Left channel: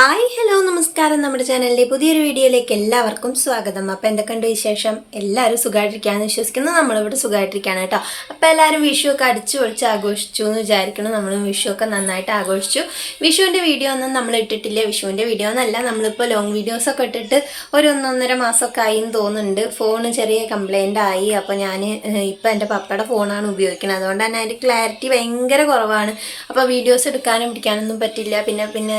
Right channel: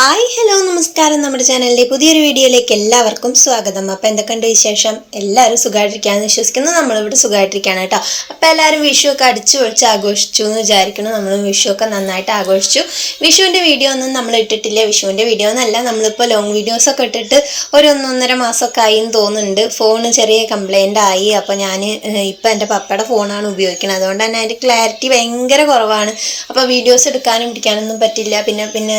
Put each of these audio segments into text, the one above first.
Hi hello നമസ്കാരം. നമ്മുടെ ചാനലിലെ പുതിയൊരു വീഡിയോയിലേക്ക് എല്ലാവർക്കും സ്വാഗതം. അപ്പോൾ എന്തൊക്കെയുണ്ട് വിശേഷം? എല്ലാവരും സുഖമായിട്ടിരിക്കാന്ന് വിശ്വസിക്കുന്നു. നമ്മളിവിടെ സുഖമായിട്ടിരിക്കുകയാണ് കേട്ടോ. അപ്പോൾ എല്ലാവരും വിഷു ഒക്കെ അടിച്ചു പൊളിച്ച് ആഘോഷിച്ചു എന്ന് വിചാരിക്കുന്നു. നമ്മളും വിഷു ഒക്കെ നന്നായിട്ട് ആഘോഷിച്ചു. വിഷുവിന്റെ വീഡിയോ ഒന്നും നമ്മൾ ഇട്ടിട്ടില്ല. വിഷുവിന്റെ വീഡിയോ എന്നല്ല നമ്മളിപ്പോൾ ലോങ് വീഡിയോസൊക്കെ ഇട്ടിട്ട് ഒരു ഒന്നൊന്നര മാസമൊക്കെ ആയി എന്ന് തോന്നുന്നുണ്ട്. ഫോൺ ചെറിയ കംപ്ലൈന്റ് ആയി. അപ്പോൾ ഞാൻ ഇപ്പോൾ എന്റെ പപ്പയുടെ ഫോണാണ് ഉപയോഗിക്കുന്നത് അതുകൊണ്ട് തന്നെ അതിന്റെ ക്ലാരിറ്റി ഭയങ്കര കുറവാണ്. അപ്പോൾ വീഡിയോസ് എടുക്കാനും പിടിക്കാനൊന്നും പറ്റില്ല. പിന്നെ പിന്നെ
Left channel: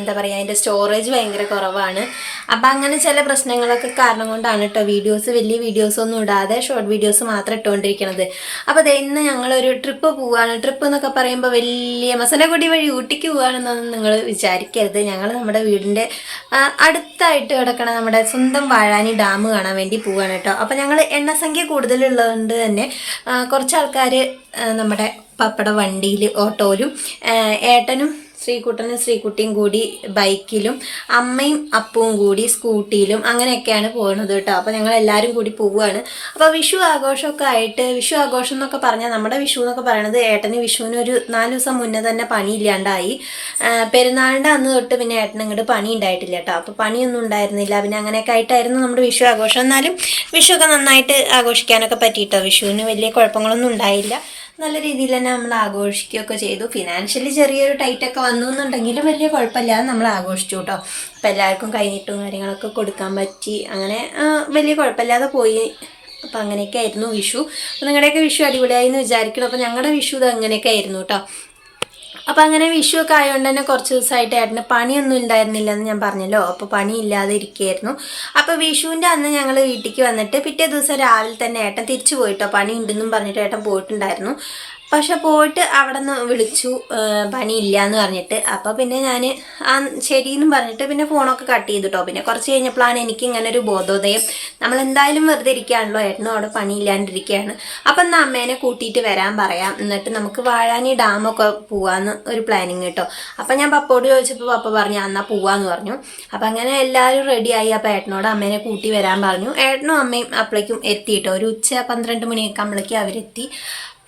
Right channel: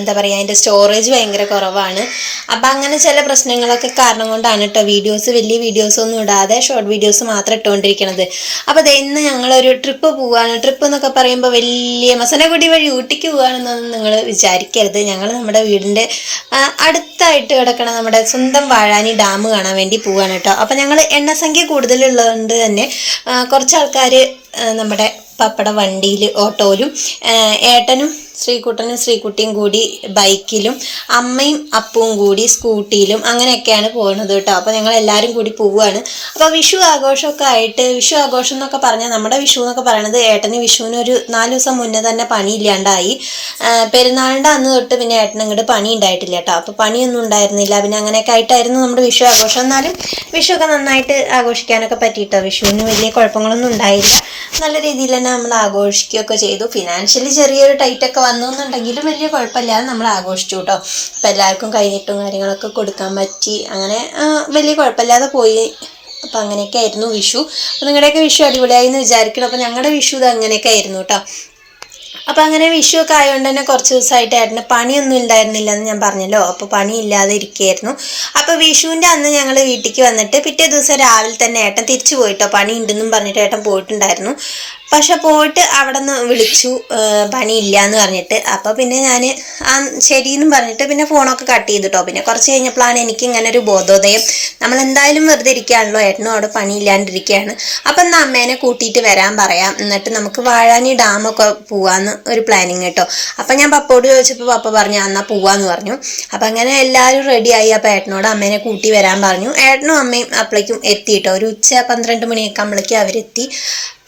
എന്താ പറയുക അതിന്റെ സ്റ്റോറേജ് ഭയങ്കര കുറവാണ്. അപ്പോൾ അങ്ങനെ ചില പ്രശ്നങ്ങളൊക്കെ കാരണം കൊണ്ടാണ് കേട്ടോ വീഡിയോസ് വലിയ വീഡിയോസ് ഒന്നും ഇടാതെ ഷോർട്ട് വീഡിയോസ് മാത്രം ഇട്ടുകൊണ്ടിരിക്കണത് അപ്പോൾ ദേ ഇന്ന് ഞങ്ങളൊരു ട്രിപ്പ് പോവുകയാണ് ട്രിപ്പ് എന്നൊക്കെ പറയുമ്പോൾ വലിയ മസനഗുടി വഴി ഊട്ടിക്ക് പോവുകയാണെന്നൊന്നും നിങ്ങൾ വിചാരിക്കരുത്. ഞങ്ങൾ നമ്മുടെ വീടിന്റെ അടുത്തായിട്ട് കിടക്കണ നമ്മുടെ സ്വന്തം വാഴാനി ഡാം കാണാൻ വേണ്ടി പോവുകയാണ് കേട്ടോ അപ്പോൾ ഞങ്ങൾ എണ്ണസംഖ്യ കൂടുതലുള്ളതുകൊണ്ട് തന്നെ കുറച്ച് ആൾക്കാർ നമ്മുടെ പപ്പട വണ്ടിയിൽ ഓട്ടോയിലും ഏട്ടനും ശ്രീകുട്ടനും ശ്രീകുട്ടിയും കൂടി ബൈക്കിലും അമ്മയും അപ്പവും കൂടി സ്കൂട്ടിയിലും അങ്ങനെയൊക്കെയാണ് പോകുന്നത് കേട്ടോ. അപ്പോൾ ഞങ്ങൾ എല്ലാവരും കൂടി പോവുകയാണ്. അപ്പോൾ വിഷു ആഘോഷമൊക്കെ ആയിട്ട് വിഷു ആഘോഷം എന്നൊക്കെ പറഞ്ഞാൽ നമ്മുടെ വിഷു എന്നൊക്കെ പറയണത് ഏട്ടന് വിഷുവിന് ഒരു നാല് ദിവസം മുന്നേ തന്നെ പണി ഇല്ലാണ്ടായി. പെരുന്നാളിന്റെ അന്ന് തൊട്ട് പിന്നെ ഏട്ടൻ ഇങ്ങോട്ട് പണി ഉണ്ടായിട്ടില്ല കേട്ടോ. അപ്പോൾ പണിയൊന്നും ഉണ്ടായിരുന്നില്ല. പിന്നെ അങ്ങനെയൊക്കെ ആയിട്ടായിരുന്നു നമ്മുടെ വിഷു ആഘോഷം. എന്നാലും വിഷു ഒക്കെ നന്നായിട്ട് ആഘോഷിക്കാനൊക്കെ പറ്റിയിട്ടോ. വിഷുവിന് വലിയ കുഴപ്പങ്ങളൊന്നും ഉണ്ടായില്ല. നല്ല രീതിയിൽ തന്നെ നമ്മൾ ആഘോഷിക്കുകയൊക്കെ ചെയ്തു. ഫിനാൻഷ്യലി ചെറിയൊരു ടൈറ്റ് ഒക്കെ വന്നു എന്നുണ്ടെങ്കിലും വലിയ കുഴപ്പമില്ലാതെ നമ്മൾ ആഘോഷിച്ചു കേട്ടോ. അപ്പോൾ എല്ലാവർക്കും കൈനീട്ടും കാര്യങ്ങളൊക്കെ കൊടുക്കാൻ പറ്റി. അങ്ങനെ വലിയ കുഴപ്പമില്ലാതെ പോയി. അപ്പോൾ അങ്ങനെയൊക്കെ ആയിരുന്നു വിഷു. അപ്പോൾ നിങ്ങളുടെയൊക്കെ വിഷു അടിപൊളിയായി എന്ന് വിചാരിക്കണം അപ്പോൾ ഞങ്ങളുടെ വിഷു ഇത് അങ്ങനെയൊക്കെ ആയിരുന്നു കേട്ടോ. അപ്പം അങ്ങനെ വിഷു ഒക്കെ ആയതുകൊണ്ട് തന്നെ കുറച്ച് ദിവസമായിട്ട് ഏട്ടന് പണിയൊന്നും ഉണ്ടായിരുന്നില്ല എന്ന് ഞാൻ പറഞ്ഞല്ലോ. അപ്പോൾ പണി ഇല്ലാതെ ഇരിക്കുകയായിരുന്നു അപ്പോൾ വിഷുവിന്റെ അന്ന് ഞങ്ങൾ വീട്ടിലേക്ക് വന്നിട്ട് പിറ്റേ ദിവസം രാവിലെ തന്നെ ഏട്ടൻ തിരിച്ചു പോയിട്ടോ പണി ഉണ്ടെന്നും പറഞ്ഞിട്ട് ഏട്ടൻ പോയിട്ടുണ്ടായിരുന്നു. പക്ഷെ പോയിട്ട് അവിടെ നിന്ന് വിളിച്ചു പണി പണിയില്ല എന്ന് പറഞ്ഞിട്ട്. അപ്പോൾ പിന്നെ ഞാൻ ആ ശരി ശരിയെന്നും പറഞ്ഞിട്ട് പിന്നെ ഫോണൊക്കെ കട്ട് ചെയ്തിട്ടോ. പിന്നെ കുറച്ച് കഴിഞ്ഞപ്പോഴാണ് എനിക്ക് ഇങ്ങനെ ഒരു ബോധോദയം. നമ്മൾ എന്തായാലും വെറുതെ ഇരിക്കുകയാണല്ലോ ഏട്ടനും അവിടെ പണിയില്ലാണ്ടിരിക്കുകയാണ്. അപ്പം എന്നാൽ അമ്മേനെ കൂട്ടിയിട്ട് വരാൻ പറയാം. എന്നിട്ട് നമുക്ക് വാഴാനി ഡാമൊക്കെ പോവാന്ന് ഒരു പ്ലാനിങ് കേട്ടോ. അപ്പം ഞാൻ പപ്പോട് ചോദിച്ചപ്പോൾ പപ്പ പറഞ്ഞു എന്നാൽ പോവാന്ന് പറഞ്ഞു. അപ്പം അങ്ങനെ എല്ലാവരും റെഡിയായി അപ്പോൾ ഏട്ടനോട് അമ്മേനെ കൂട്ടി വരാൻ പറഞ്ഞു. ഏട്ടനും അമ്മയും അപ്പളേക്കും എത്തി കേട്ടോ. ഒരു ഉച്ച പന്ത്രണ്ട് മണിയൊക്കെ ആകുമ്പോഴേക്കും അവരെത്തി.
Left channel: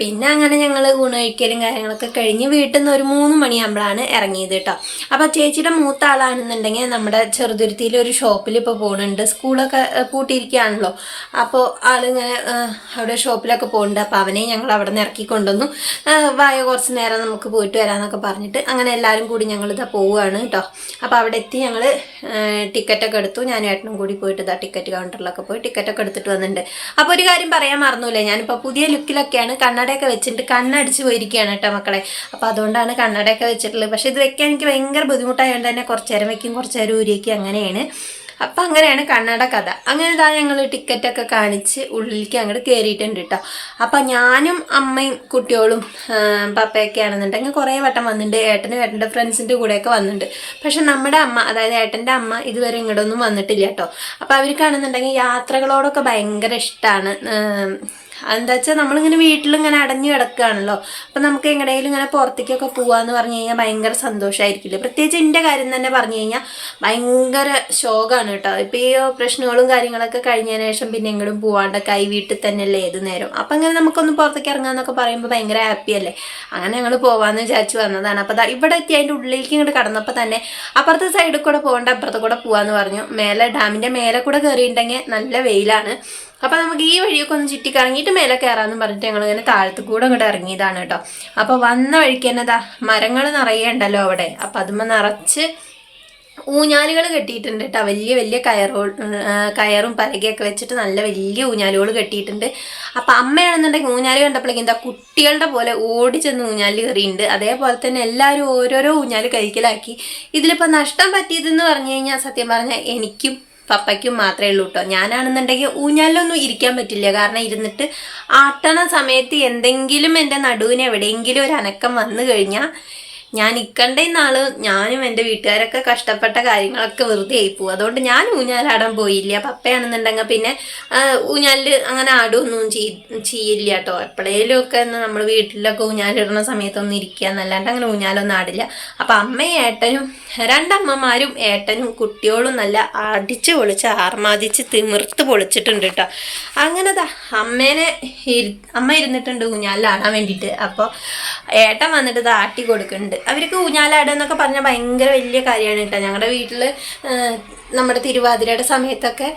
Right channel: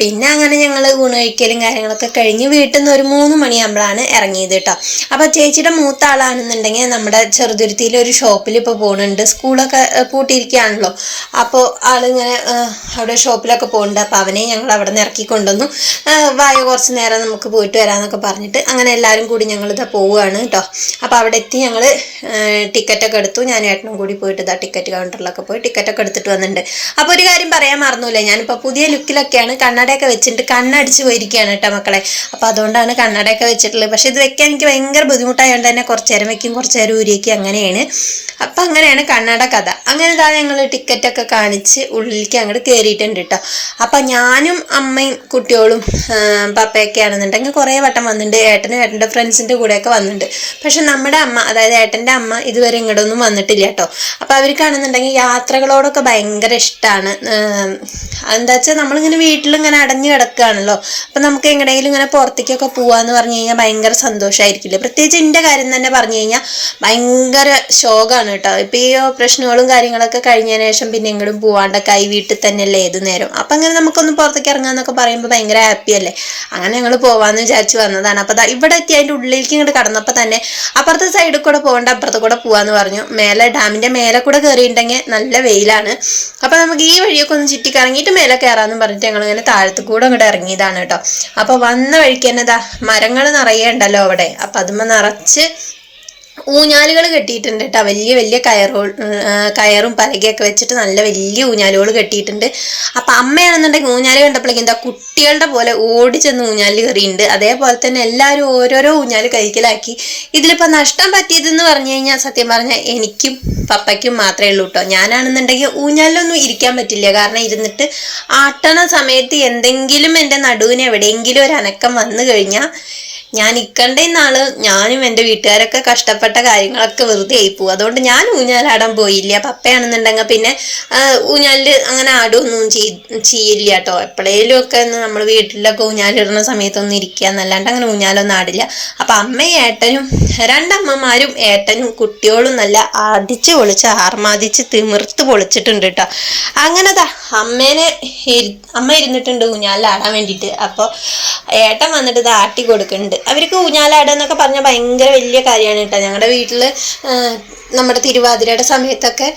പിന്നെ അങ്ങനെ ഞങ്ങൾ ഊണ് കഴിക്കലും കാര്യങ്ങളൊക്കെ കഴിഞ്ഞ് വീട്ടിൽ നിന്ന് ഒരു മൂന്ന് മണിയാകുമ്പോഴാണ് ഇറങ്ങിയത് കേട്ടോ അപ്പോൾ ചേച്ചിയുടെ മൂത്ത ആളാണെന്നുണ്ടെങ്കിൽ നമ്മുടെ ചെറുതുരുത്തിയിൽ ഒരു ഷോപ്പിൽ ഇപ്പോൾ പോകുന്നുണ്ട് സ്കൂളൊക്കെ പൂട്ടിയിരിക്കുകയാണല്ലോ. അപ്പോൾ ആളിങ്ങനെ അവിടെ ഷോപ്പിലൊക്കെ പോകുന്നുണ്ട് അപ്പോൾ അവനെ ഞങ്ങൾ അവിടെ നിന്ന് ഇറക്കി കൊണ്ടുവന്നു വായ കുറച്ച് നേരം നമുക്ക് പോയിട്ട് വരാമെന്നൊക്കെ പറഞ്ഞിട്ട് അങ്ങനെ എല്ലാവരും കൂടി ഞങ്ങളിതാ പോവുകയാണ് കേട്ടോ അപ്പോൾ അവിടെ എത്തി ഞങ്ങൾ ടിക്കറ്റൊക്കെ എടുത്തു. ഞാൻ ഏട്ടനും കൂടി പോയിട്ട് ഇതാ ടിക്കറ്റ് കൗണ്ടറിലൊക്കെ പോയി ടിക്കറ്റൊക്കെ എടുത്തിട്ട് വന്നിട്ടുണ്ട്. അപ്പോൾ ഒരു കാര്യം പറയാൻ മറന്നില്ല? ഞാനിപ്പോൾ പുതിയ ലുക്കിലൊക്കെയാണ് കണ്ണടയൊക്കെ വെച്ചിട്ട് കണ്ണടിച്ച് പോയിരിക്കുകയാണ് കേട്ടോ മക്കളെ. അപ്പോൾ അതുകൊണ്ടാണ് കണ്ണടയൊക്കെ വെച്ചിട്ടുള്ളത്. പക്ഷേ ഇത് വെക്കാൻ എനിക്ക് ഭയങ്കര ബുദ്ധിമുട്ടായതുകൊണ്ട് തന്നെ കുറച്ച് നേരം വെക്കും കുറച്ച് നേരം ഊരിയേക്കും അങ്ങനെയാണ്. അപ്പം അങ്ങനെയാണ് കണ്ണട കഥ. അങ്ങനെ ഇതാ ഞങ്ങൾ ടിക്കറ്റൊക്കെ കാണിച്ച് ഉള്ളിലേക്ക് അങ്ങോട്ട് കയറിയിട്ടുണ്ട് കേട്ടോ. അപ്പം ഞാനും അമ്മയും കുട്ടികളും പപ്പയൊക്കെ ആണെന്നുണ്ടെങ്കിൽ കുറേ വട്ടം വന്നിട്ടുണ്ട്. ഏട്ടനും ഏട്ടന്റെ ഫ്രണ്ട്സിന്റെ കൂടെയൊക്കെ വന്നിട്ടുണ്ട്. പക്ഷെ നമ്മുടെ അമ്മ അതായത് ഏട്ടന്റെ അമ്മ ഇതുവരെ ഇങ്ങോട്ടൊന്നും വന്നിട്ടില്ല കേട്ടോ. അപ്പോൾ അവർക്കാണെന്നുണ്ടെങ്കിൽ യാത്രകളോടൊക്കെ ഭയങ്കര ഇഷ്ടമാണ് എന്താ വെച്ചാൽ നമ്മളിങ്ങനെ വീട്ടിലിങ്ങനെ അടഞ്ഞു കിടക്കുകയാണല്ലോ അപ്പം നമുക്ക് എങ്ങനെയെങ്കിലും ഇങ്ങനെ പുറത്തേക്കൊക്കെ പോകാമെന്ന് പറഞ്ഞു കഴിഞ്ഞാൽ ഭയങ്കര സന്തോഷമായിരിക്കില്ലേ പ്രത്യേകിച്ച് എന്റെ കാര്യം തന്നെ പറഞ്ഞു കഴിഞ്ഞാൽ ഭയങ്കര ശോകമാണ് കേട്ടോ. ഇപ്പോൾ ഈ പ്രശ്നങ്ങളും കാര്യങ്ങളൊക്കെ കഴിഞ്ഞതിന് ശേഷം പിന്നെ എങ്ങോട്ടും പോവാണ്ടൊക്കെ ആയി വീട്ടിൽ തന്നെയല്ലേ ഏത് നേരം? അപ്പം അങ്ങനെ നമുക്കൊന്ന് പുറത്തേക്ക് ഇറങ്ങാമെന്നൊക്കെ പറയുമ്പോൾ ഭയങ്കര ഹാപ്പി അല്ലേ? അങ്ങനെ ഞങ്ങൾ പോവാന്ന് വിചാരിച്ച് വന്നതാണ്. അപ്പോൾ ഇവിടെ എത്തി അതിന്റെ ഉള്ളിലേക്ക് ഇങ്ങോട്ട് കടന്നപ്പോൾ തന്നെ അപ്പുറത്തെ സൈഡിൽ കൂടെ പോകേണ്ട അപ്പുറത്തെ കൂടെ പോകാമെന്ന് പറഞ്ഞു. മേലെ ഡാമിന്റെ മേലെ കൂടെ കയറിയിട്ടുണ്ടെങ്കിൽ നല്ല വെയിലാണ്. അപ്പോൾ നമുക്ക് ഈ വഴിയൊക്കെ ഒന്ന് ചുറ്റി കറങ്ങിയിട്ട് മേലെ കയറാമെന്ന് പറഞ്ഞിട്ട് ഞങ്ങൾ ഇങ്ങനെ താഴത്ത് കൂടെ അങ്ങോട്ട് ഇറങ്ങിയതാണ് കേട്ടോ. അപ്പോൾ വന്ന വഴിക്ക് തന്നെ ദാ മരങ്ങൾ നിറയെ ഉണ്ടല്ലോ അവിടെ. അപ്പോൾ അതുമ്മ നിറച്ച് ഊഞ്ഞാലുകൾ കെട്ടിയിട്ടുണ്ട് കേട്ടോ. വലിയ വലിയ കയറോ കയറും പലകയൊക്കെ വെച്ചിട്ട് നല്ല വലിയ ഊഞ്ഞാലുകൾ കെട്ടിയിട്ടുണ്ട്. അപ്പം അമ്മയാണെന്നുണ്ടെങ്കിൽ ഊഞ്ഞാൽ കണ്ടപ്പോഴേക്കും എന്താ കുട്ടികളുടെ പോലെ ഓടി ചെന്ന് ഊഞ്ഞാൽ കയറിയിട്ടുണ്ട്. അതേപോലെ തന്നെ എല്ലാവരും ഓരോരോ ഊഞ്ഞാൽ കൈക്കലാക്കി. ഇതിലിപ്പോൾ നഷ്ടം പറ്റിയതെന്ന് പറഞ്ഞു കഴിഞ്ഞാൽ സത്യം പറഞ്ഞാൽ എനിക്കും പപ്പയ്ക്കും മാത്രമേ ഉള്ളൂ കേട്ടോ. ഞാനാണെന്നുണ്ടെങ്കിൽ ഊഞ്ഞാലിലൊന്നും ഇരിക്കാൻ പറ്റില്ല. കാരണം ഇരുന്നിട്ട് ആട്ടണ സമയത്ത് എന്തെങ്കിലും എന്റെ നടുവിന് എവിടെയെങ്കിലും ഒരു അനക്കം വന്നു കഴിഞ്ഞാൽ ഞാൻ ഇക്കണ്ട നാൾ ഞാനും എന്റെ വീട്ടുകാരൊക്കെ കഷ്ടപ്പെട്ട കാര്യങ്ങളൊക്കെ വെറുതെ ആയിപ്പോവും അതുകൊണ്ട് ഞാൻ ഊഞ്ഞാലാടാൻ പോയില്ല. പപ്പയാണെന്നുണ്ടെങ്കിൽ പിന്നെ ഊഞ്ഞാലിൽ അങ്ങനെ ചെയ്- ചെയ്യില്ല കേട്ടോ. എപ്പോഴേലും ഒക്കെ നമ്മൾ വീട്ടിലൊക്കെ ഊഞ്ഞാലിടുന്ന സമയത്തൊന്നും ഇരിക്കുക എന്നല്ലാണ്ട് അങ്ങനെ ഊഞ്ഞാലൊന്നും ആടില്ല. അപ്പം അമ്മയും ഏട്ടനും രണ്ടമ്മമാരും ഏട്ടനും കുട്ടികളും നല്ല അടിച്ച് പൊളിച്ച് ആർമാദിച്ച് തിമിർത്ത് പൊളിച്ചിട്ടുണ്ട് കേട്ടോ. അങ്ങനെ ദാ അമ്മേനെ അമ്മ ഇരുന്നിട്ടുണ്ട് ഊഞ്ഞാലിലാടാൻ വേണ്ടിയിട്ട്. അപ്പോൾ ഏട്ടൻ വന്നിട്ട് ഇത് ആട്ടി കൊടുക്കുന്നുണ്ട് അവർക്ക് ഊഞ്ഞാലാടുക എന്നൊക്കെ പറഞ്ഞാൽ ഭയങ്കര വലിയ കാര്യമാണ് കേട്ടോ ഞങ്ങളുടെ വീട്ടിൽ നമ്മുടെ തിരുവാതിരയുടെ സമയത്തൊക്കെ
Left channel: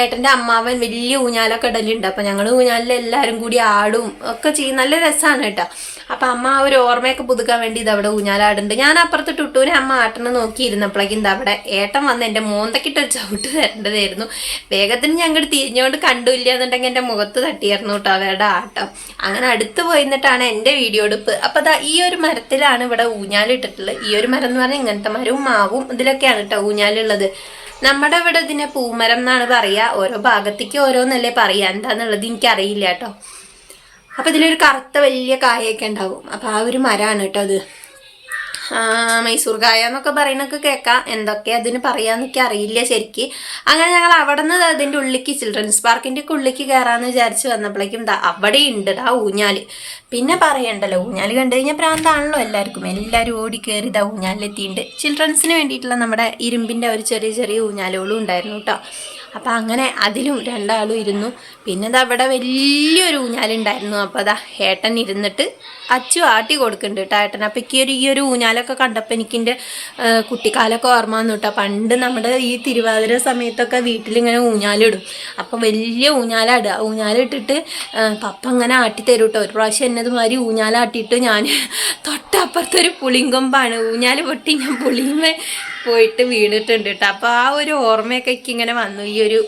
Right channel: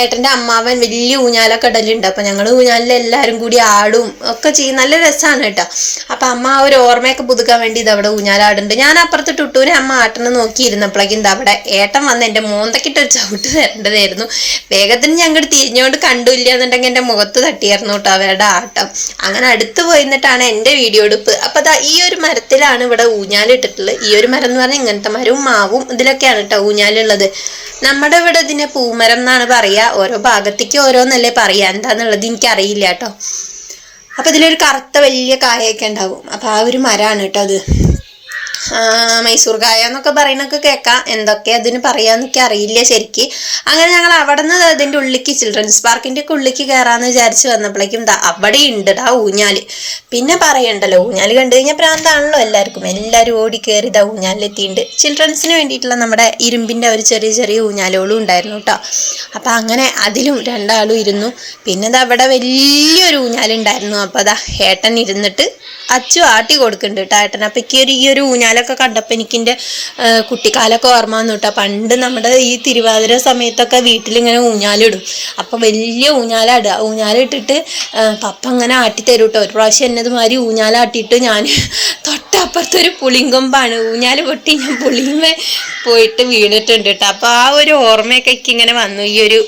ഏട്ടന്റെ അമ്മാവൻ വലിയ ഊഞ്ഞാലൊക്കെ ഇടലുണ്ട്. അപ്പോൾ ഞങ്ങൾ ഊഞ്ഞാലിൽ എല്ലാവരും കൂടി ആടും ഒക്കെ ചെയ്യും. നല്ല രസമാണ് കേട്ടോ. അപ്പോൾ അമ്മ ആ ഒരു ഓർമ്മയൊക്കെ പുതുക്കാൻ വേണ്ടി ഇത് അവിടെ ഊഞ്ഞാലാടുന്നുണ്ട് ഞാൻ അപ്പുറത്ത് ടുട്ടൂനെ അമ്മ ആട്ടണം നോക്കിയിരുന്നപ്പോഴേക്കും അവിടെ ഏട്ടൻ വന്ന് എന്റെ മോന്തക്കിട്ടൊരു ചവിട്ട് തരേണ്ടതായിരുന്നു വേഗത്തിന് ഞങ്ങൾ തിരിഞ്ഞുകൊണ്ട് കണ്ടില്ല എന്നുണ്ടെങ്കിൽ എന്റെ മുഖത്ത് തട്ടിയായിരുന്നു കേട്ടോ അവരുടെ ആട്ടം. അങ്ങനെ അടുത്ത് പോയി എന്നിട്ടാണ് എന്റെ വീഡിയോ എടുപ്പ്. അപ്പോൾ അതാ ഈ ഒരു മരത്തിലാണ് ഇവിടെ ഊഞ്ഞാലിട്ടിട്ടുള്ളത് ഈ ഒരു മരം എന്ന് പറഞ്ഞാൽ ഇങ്ങനത്തെ മരവും മാവും ഇതിലൊക്കെയാണ് കേട്ടോ ഊഞ്ഞാലുള്ളത് നമ്മുടെ ഇവിടെ ഇതിനെ പൂമരം എന്നാണ് പറയുക ഓരോ ഭാഗത്തേക്ക് ഓരോന്നല്ലേ പറയുക എന്താന്നുള്ളത് എനിക്കറിയില്ല കേട്ടോ. അപ്പോൾ ഇതിലൊരു കറുത്ത വലിയ കായൊക്കെ ഉണ്ടാവും. അപ്പോൾ ആ ഒരു മരമാണ് കേട്ടോ അത്. മൈസൂർ കായ എന്നൊക്കെ പറയുന്നൊക്കെ കേൾക്കാം. എന്തൊക്കെ അതിന് പറയാന്നൊക്കെ അറിയില്ല ശരിക്ക്. അങ്ങനെ ഞങ്ങൾ അവിടെ നിന്ന് അതിന്റെ ഉള്ളിക്ക് ചിൽഡ്രൻസ് പാർക്കിന്റെ ഒക്കെ ഉള്ളിക്ക് കയറാമെന്ന് വിചാരിച്ച് വന്നപ്പോഴേക്കും ദാ അവിടെ ഉണ്ട് ഊഞ്ഞാൽ പിന്നെ പറയണ്ടല്ലോ ഊഞ്ഞാൽ കണ്ടു കഴിഞ്ഞാൽ പ്രാന്താണല്ലോ എല്ലാവർക്കും. എല്ലാവരും ഓടി കയറി ഇതാ ഊഞ്ഞാലിലെത്തിയിട്ടുണ്ട് ചിൽഡ്രൻസിന് വേണ്ടിയിട്ടുള്ള നമ്മുടെ ഇരുമ്പിന്റെ ഒരു ചെറിയ ചെറിയ ഊഞ്ഞാലുകളും ഉണ്ടായിരുന്നു കേട്ടോ. അപ്പം അങ്ങനെ അതിലും രണ്ടാളും ഇരുന്നു. പിന്നെ ദാ അവിടെ വലിയൊരു ഊഞ്ഞാലുണ്ടായിരുന്നു. അപ്പോൾ അതാ ഏട്ടൻ ഇരുന്നിട്ട് അച്ചു ആട്ടി കൊടുക്കുന്നുണ്ട് കേട്ടോ ഏട്ടൻ അപ്പം എനിക്ക് ഒരു ഈ ഒരു ഊഞ്ഞാലൊക്കെ കണ്ടപ്പോൾ എനിക്കെന്റെ കുട്ടിക്കാലൊക്കെ ഓർമ്മ വന്നു കേട്ടോ പണ്ട് നമ്മുടെ ഈ തിരുവാതിര സമയത്തൊക്കെ വീട്ടിലിങ്ങനെ ഊഞ്ഞാലിടും. അപ്പം വലിയ ഊഞ്ഞാലിടുക ഊഞ്ഞാലിട്ടിട്ട് പപ്പ അങ്ങനെ ആട്ടി തരും കേട്ടോ ഒരു പ്രാവശ്യം എന്നതുമാതിരി ഊഞ്ഞാലാട്ടിയിട്ട് ഞാൻ തൊട്ടപ്പുറത്തൊരു പുളിങ്കൊമ്പാണ്. ഊഞ്ഞാൽ പൊട്ടി ഞാൻ പുളിയുമേ പോയിട്ട് വീണിട്ടുണ്ട് കേട്ടോ അപ്പോൾ ആ ഒരു ഓർമ്മയൊക്കെ ഇങ്ങനെ വന്നു. ഈ ഒരു